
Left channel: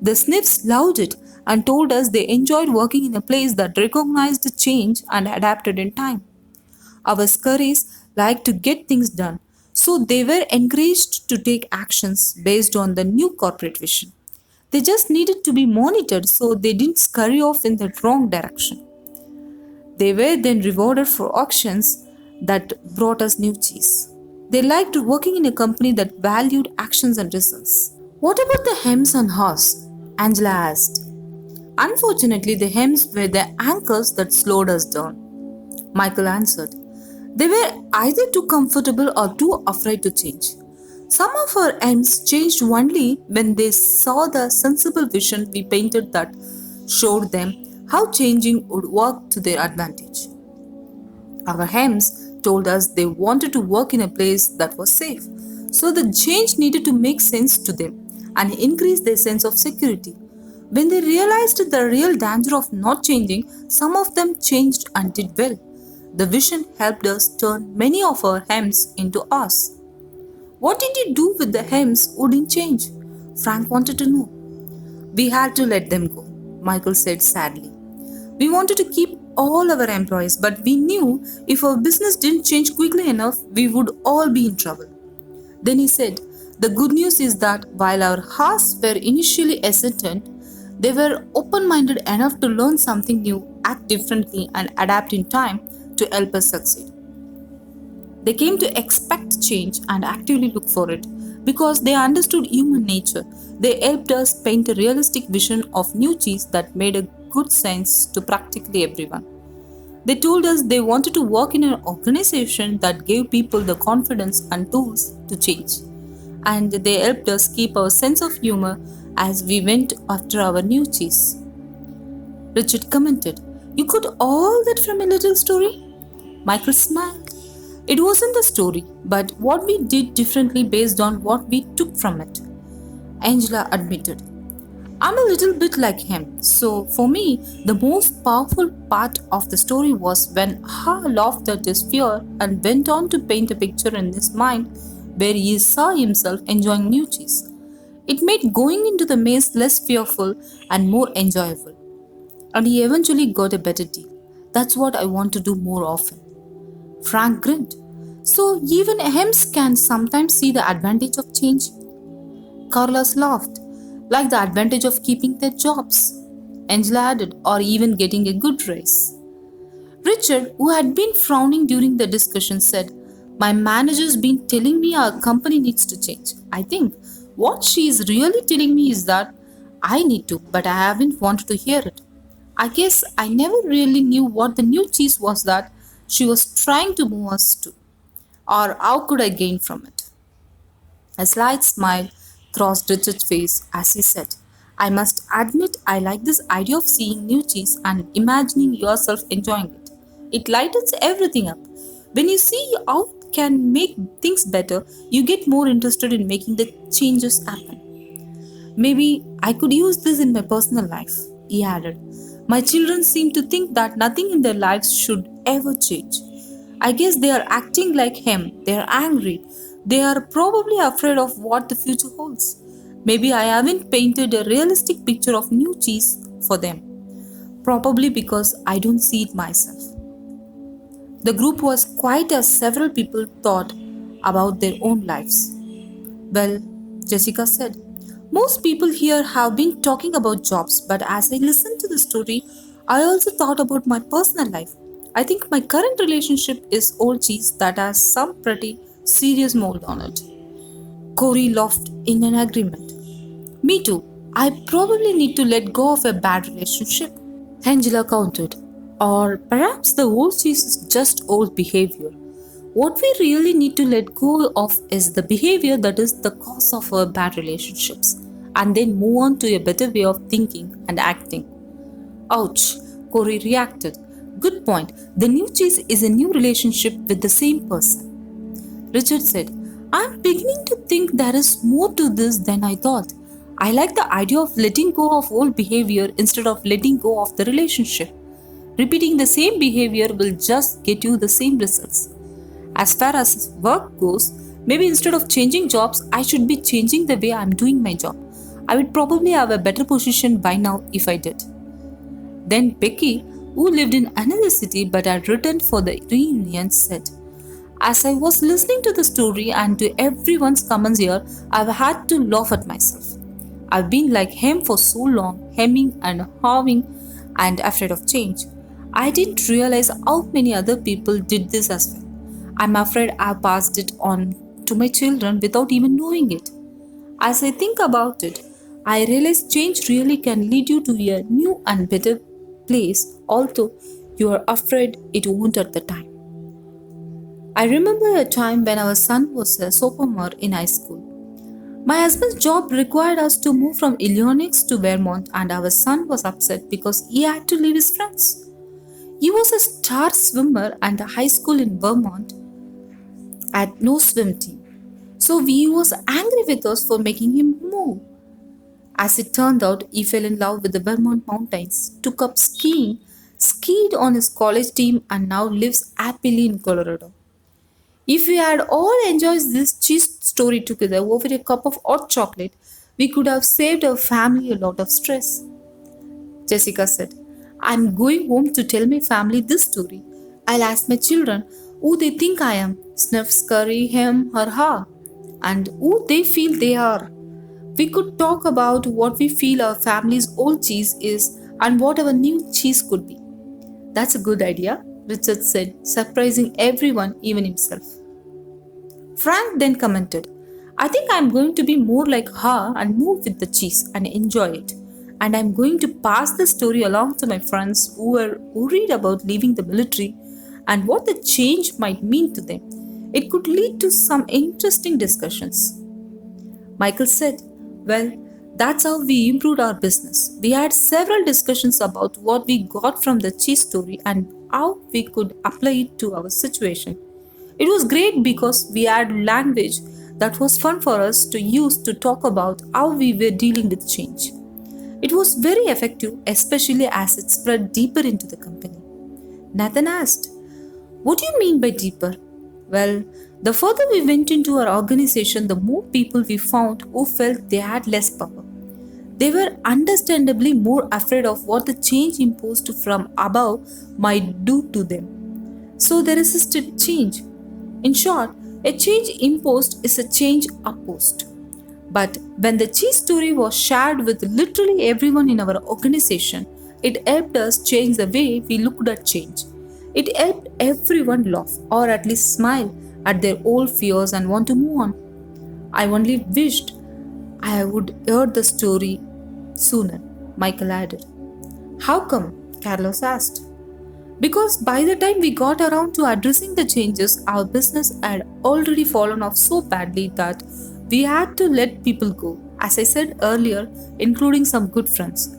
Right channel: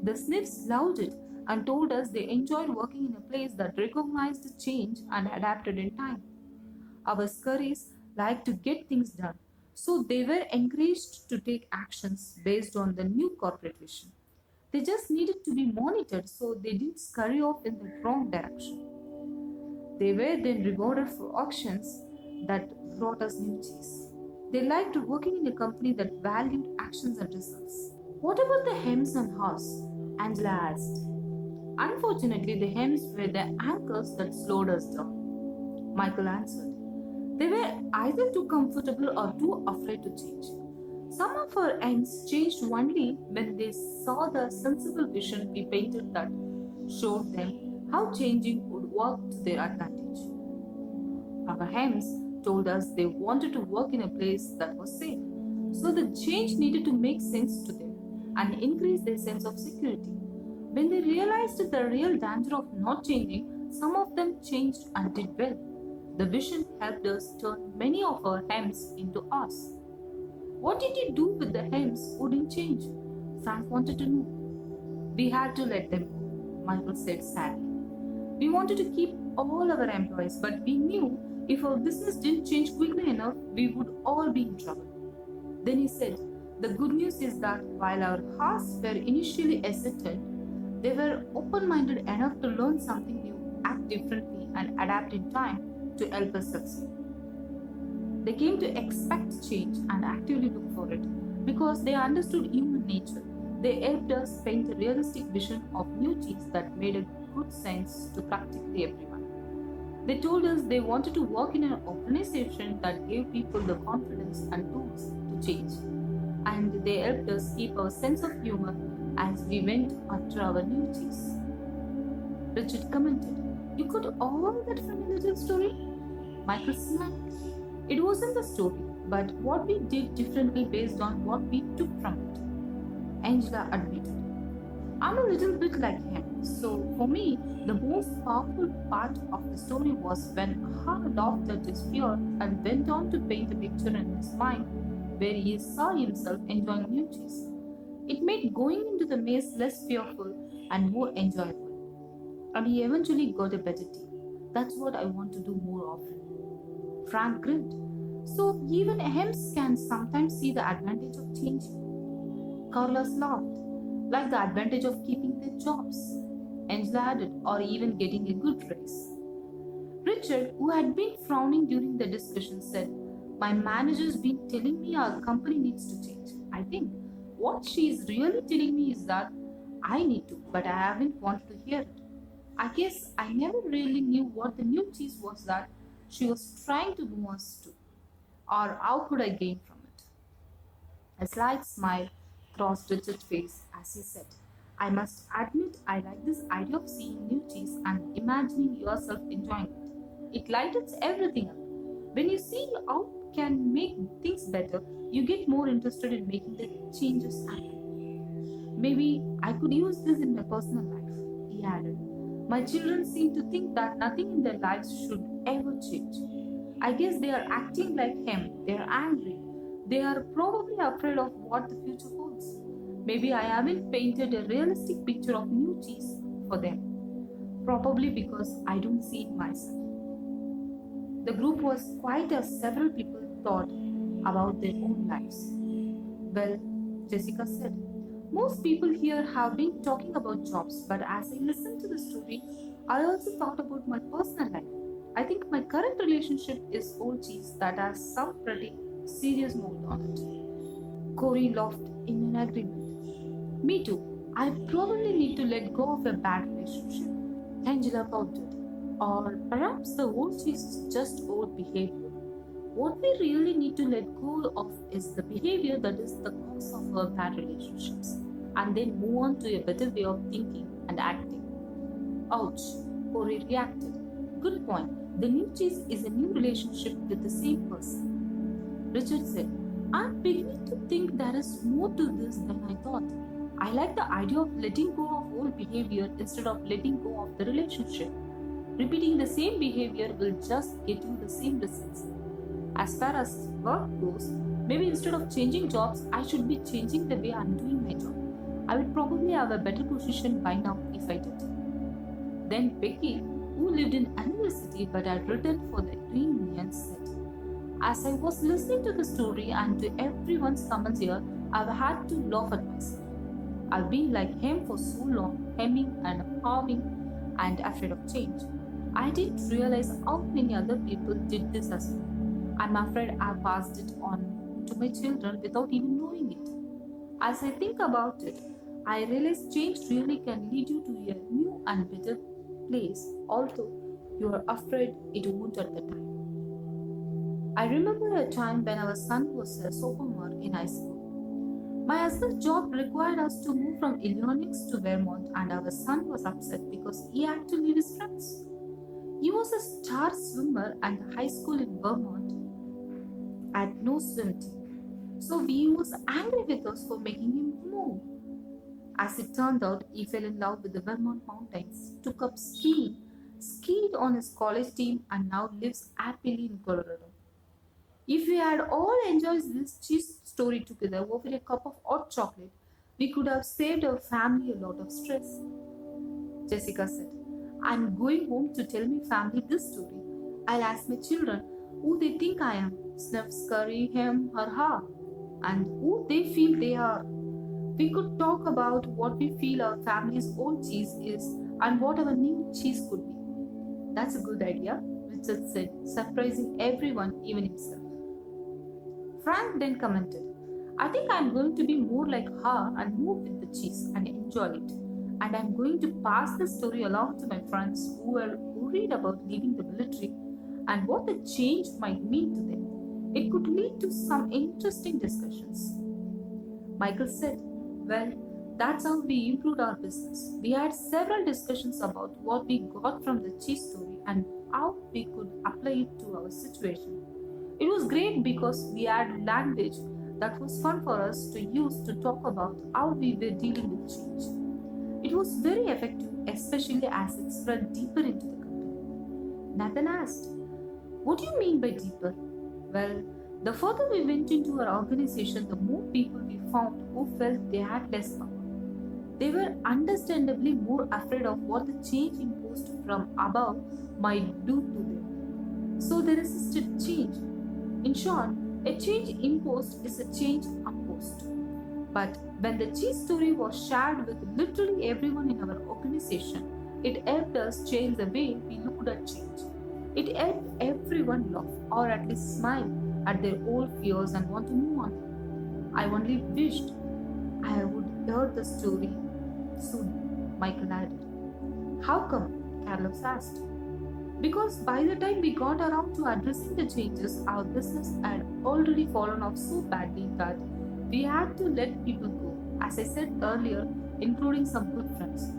The sniffs loved it and told us they enjoyed working in a place that recognized change and adapted in time. Our scurries liked to get things done, so they were encouraged to take actions based on the new corporate vision. They just needed to be monitored so they didn't scurry off in the wrong direction. They were then rewarded for actions that brought us new cheese. They liked working in a company that valued actions and results." "What about the hems and haws?" Angela asked. "Unfortunately, the hems were the anchors that slowed us down," Michael answered. "They were either too comfortable or too afraid to change. Some of our hems changed only when they saw the sensible vision we painted that showed them how changing would work to their advantage. Our hems told us they wanted to work in a place that was safe, so the change needed to make sense to them and increase their sense of security. When they realized the real danger of not changing, some of them changed and did well. The vision helped us turn many of our hems into ours." "What did you do with the hems who didn't change?" Frank wanted to know. "We had to let them go," Michael said sadly. "We wanted to keep all our employees, but we knew if our business didn't change quickly enough, we would all be in trouble." Then he said, "The good news is that while our hearts were initially hesitant, they were open-minded enough to learn something new, act differently, and adapt in time to help us succeed. They came to expect change and actively look for it because they understood human nature. They helped us paint a realistic vision of new cheese that made a good sense to practically everyone. They told us they wanted to work in an organization that gave people the confidence and tools to change. And they helped us keep our sense of humor as we went after our new cheese." Richard commented, "You got all that from a little story?" Michael smiled. "It wasn't the story, but what we did differently based on what we took from it," Angela admitted. "I'm a little bit like him, so for me, the most powerful part of the story was when Ha laughed at his fear and went on to paint a picture in his mind where he saw himself enjoying new cheese. It made going into the maze less fearful and more enjoyable. And he eventually got a better deal. That's what I want to do more often." Frank grinned. "So even hems can sometimes see the advantage of change?" Carlos laughed. "Like the advantage of keeping their jobs," Angela added, "or even getting a good raise." Richard, who had been frowning during the discussion, said, "My manager's been telling me our company needs to change. I think what she is really telling me is that I need to, but I haven't wanted to hear it. I guess I never really knew what the new cheese was that she was trying to move us to, or how could I gain from it." A slight smile crossed Richard's face as he said, "I must admit I like this idea of seeing new cheese and imagining yourself enjoying it. It lightens everything up. When you see how it can make things better, you get more interested in making the changes happen. Maybe I could use this in my personal life," he added. "My children seem to think that nothing in their lives should ever change. I guess they are acting like him. They are angry. They are probably afraid of what the future holds. Maybe I haven't painted a realistic picture of new cheese for them. Probably because I don't see it myself. The group was quiet as several people thought about their own lives. Well, Jessica said, most people here have been talking about jobs, but as I listened to the story, I also thought about my personal life. I think my current relationship is old cheese that has some pretty serious mold on it. Corey laughed in an agreement. Me too. I probably need to let go of a bad relationship. Angela countered. Or perhaps the old cheese is just old behavior. What we really need to let go of is the behavior that is the cause of our bad relationships, and then move on to a better way of thinking and acting. Ouch, Corey reacted. Good point. The new cheese is a new relationship with the same person. Richard said, I'm beginning to think there is more to this than I thought. I like the idea of letting go of old behavior instead of letting go of the relationship. Repeating the same behavior will just get you the same results. As far as work goes, maybe instead of changing jobs, I should be changing the way I'm doing my job. I would probably have a better position by now if I did. Then Becky, who lived in another city but had returned for the reunion, said, as I was listening to the story and to everyone's comments here, I've had to laugh at myself. I've been like him for so long, hemming and hawing and afraid of change. I didn't realize how many other people did this as well. I'm afraid I passed it on to my children without even knowing it. As I think about it, I realize change really can lead you to a new and better place, although you are afraid it won't at the time. I remember a time when our son was a sophomore in high school. My husband's job required us to move from Illinois to Vermont, and our son was upset because he had to leave his friends. He was a star swimmer, and the high school in Vermont had no swim team. So he was angry with us for making him move. As it turned out, he fell in love with the Vermont mountains, took up skiing, skied on his college team, and now lives happily in Colorado. If we had all enjoyed this cheese story together over a cup of hot chocolate, we could have saved our family a lot of stress. Jessica said, I'm going home to tell my family this story. I'll ask my children who they think I am, sniff, scurry, him or her, and who they feel they are. We could talk about what we feel our family's old cheese is and what our new cheese could be. That's a good idea, Richard said, surprising everyone, even himself. Frank then commented, I think I'm going to be more like her and move with the cheese and enjoy it. And I'm going to pass the story along to my friends who read about leaving the military and what the change might mean to them. It could lead to some interesting discussions. Michael said, well, that's how we improved our business. We had several discussions about what we got from the cheese story and how we could apply it to our situation. It was great because we had language that was fun for us to use to talk about how we were dealing with change. It was very effective, especially as it spread deeper into the company. Nathan asked, what do you mean by deeper? Well, the further we went into our organization, the more people we found who felt they had less power. They were understandably more afraid of what the change imposed from above might do to them. So they resisted change. In short, a change imposed is a change opposed. But when the cheese story was shared with literally everyone in our organization, it helped us change the way we looked at change. It helped everyone laugh or at least smile at their old fears and want to move on. I only wished I would heard the story sooner, Michael added. How come? Carlos asked. Because by the time we got around to addressing the changes, our business had already fallen off so badly that we had to let people go, as I said earlier, including some good friends.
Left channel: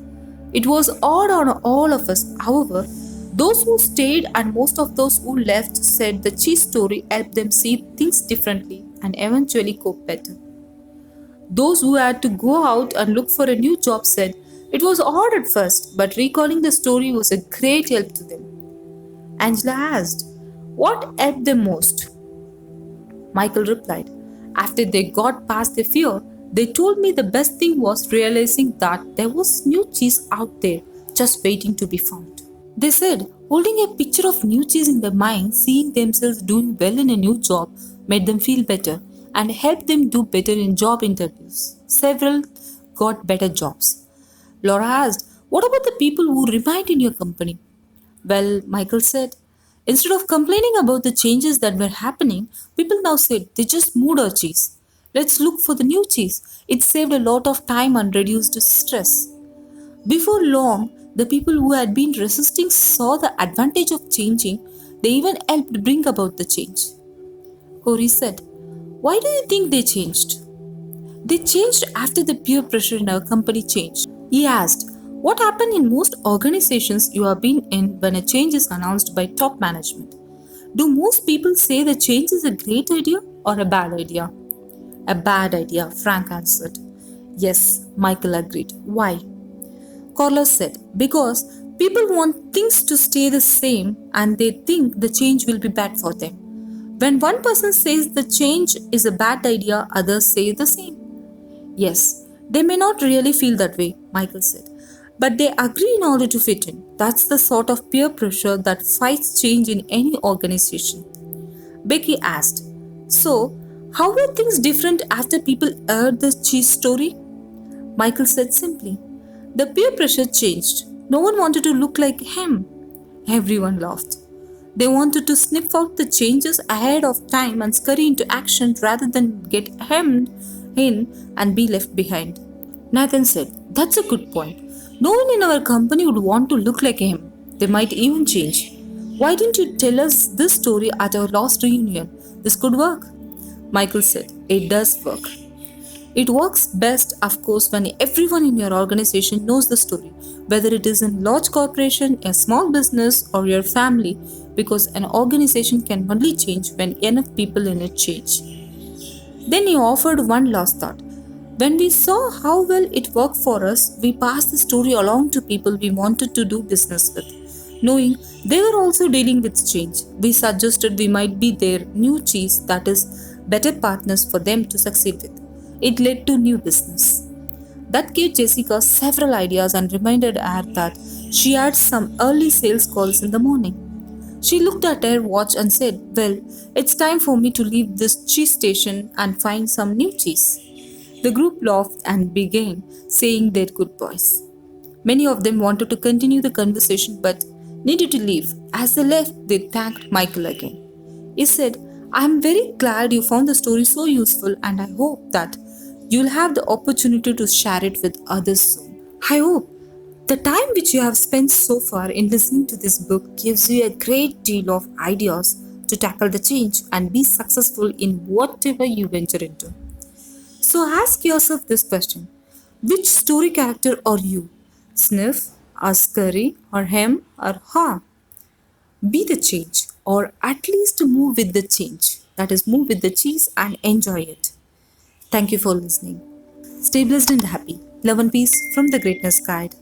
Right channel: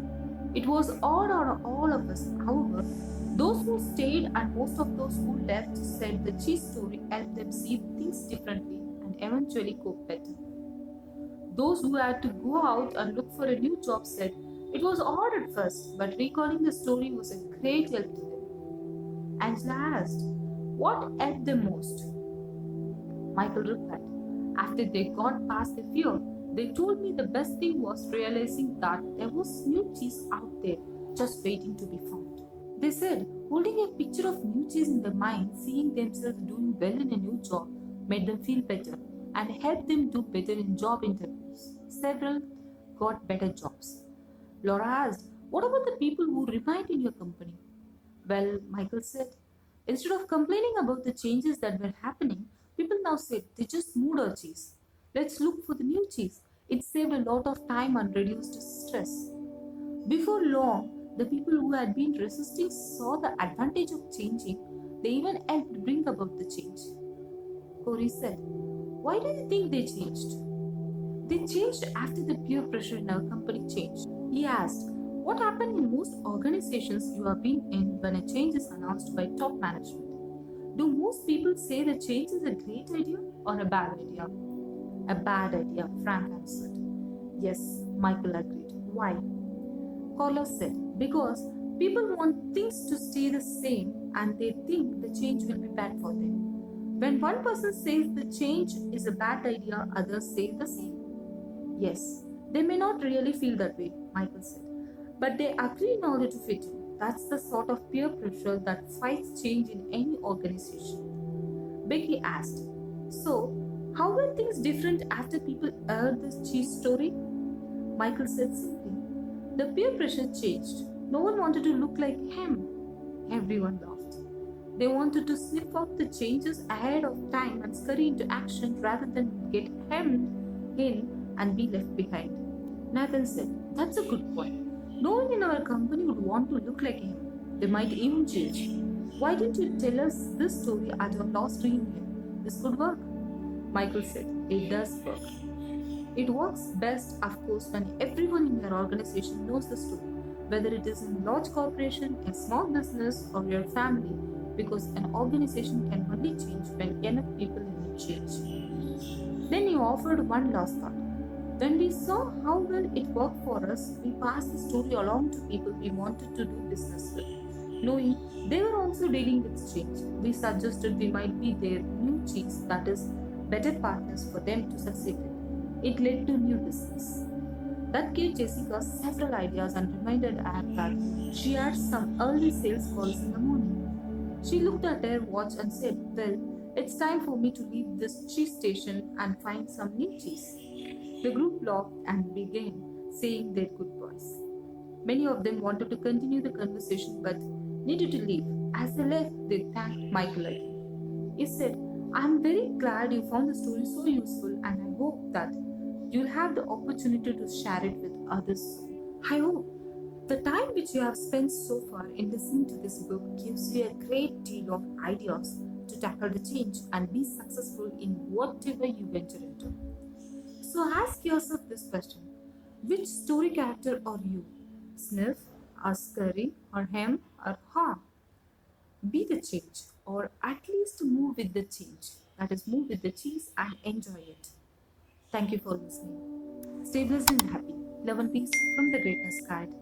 It was odd on all of us, however. Those who stayed and most of those who left said the cheese story helped them see things differently and eventually cope better. Those who had to go out and look for a new job said it was odd at first, but recalling the story was a great help to them. Angela asked, What helped them most? Michael replied, after they got past their fear, they told me the best thing was realizing that there was new cheese out there just waiting to be found. They said holding a picture of new cheese in their mind, seeing themselves doing well in a new job, made them feel better and helped them do better in job interviews. Several got better jobs. Laura asked, what about the people who remained in your company? Well, Michael said, instead of complaining about the changes that were happening, people now said they just moved our cheese. Let's look for the new cheese. It saved a lot of time and reduced stress. Before long, the people who had been resisting saw the advantage of changing. They even helped bring about the change. Corey said, why do you think they changed? They changed after the peer pressure in our company changed. He asked, what happened in most organizations you have been in when a change is announced by top management? Do most people say the change is a great idea or a bad idea? A bad idea, Frank answered. Yes, Michael agreed. Why? Carlos said, because people want things to stay the same and they think the change will be bad for them. When one person says the change is a bad idea, others say the same. Yes, they may not really feel that way, Michael said, but they agree in order to fit in. That's the sort of peer pressure that fights change in any organization. Becky asked, so, how were things different after people heard the cheese story? Michael said simply, the peer pressure changed. No one wanted to look like him. Everyone laughed. They wanted to sniff out the changes ahead of time and scurry into action rather than get hemmed in and be left behind. Nathan said, that's a good point. No one in our company would want to look like him. They might even change. Why didn't you tell us this story at our last reunion? This could work. Michael said, it does work. It works best, of course, when everyone in your organization knows the story, whether it is in large corporation, a small business, or your family, because an organization can only change when enough people in it change. Then he offered one last thought. When we saw how well it worked for us, we passed the story along to people we wanted to do business with. Knowing they were also dealing with change, we suggested we might be their new cheese, that is, better partners for them to succeed with. It led to new business. That gave Jessica several ideas and reminded her that she had some early sales calls in the morning. She looked at her watch and said, well, it's time for me to leave this cheese station and find some new cheese. The group laughed and began saying their goodbyes. Many of them wanted to continue the conversation but needed to leave. As they left, they thanked Michael again. He said, I'm very glad you found the story so useful and I hope that you'll have the opportunity to share it with others soon. I hope the time which you have spent so far in listening to this book gives you a great deal of ideas to tackle the change and be successful in whatever you venture into. So ask yourself this question. Which story character are you? Sniff, or scurry, or hem, or ha? Be the change, or at least move with the change. That is, move with the cheese and enjoy it. Thank you for listening. Stay blessed and happy. Love and peace from the Greatness Guide.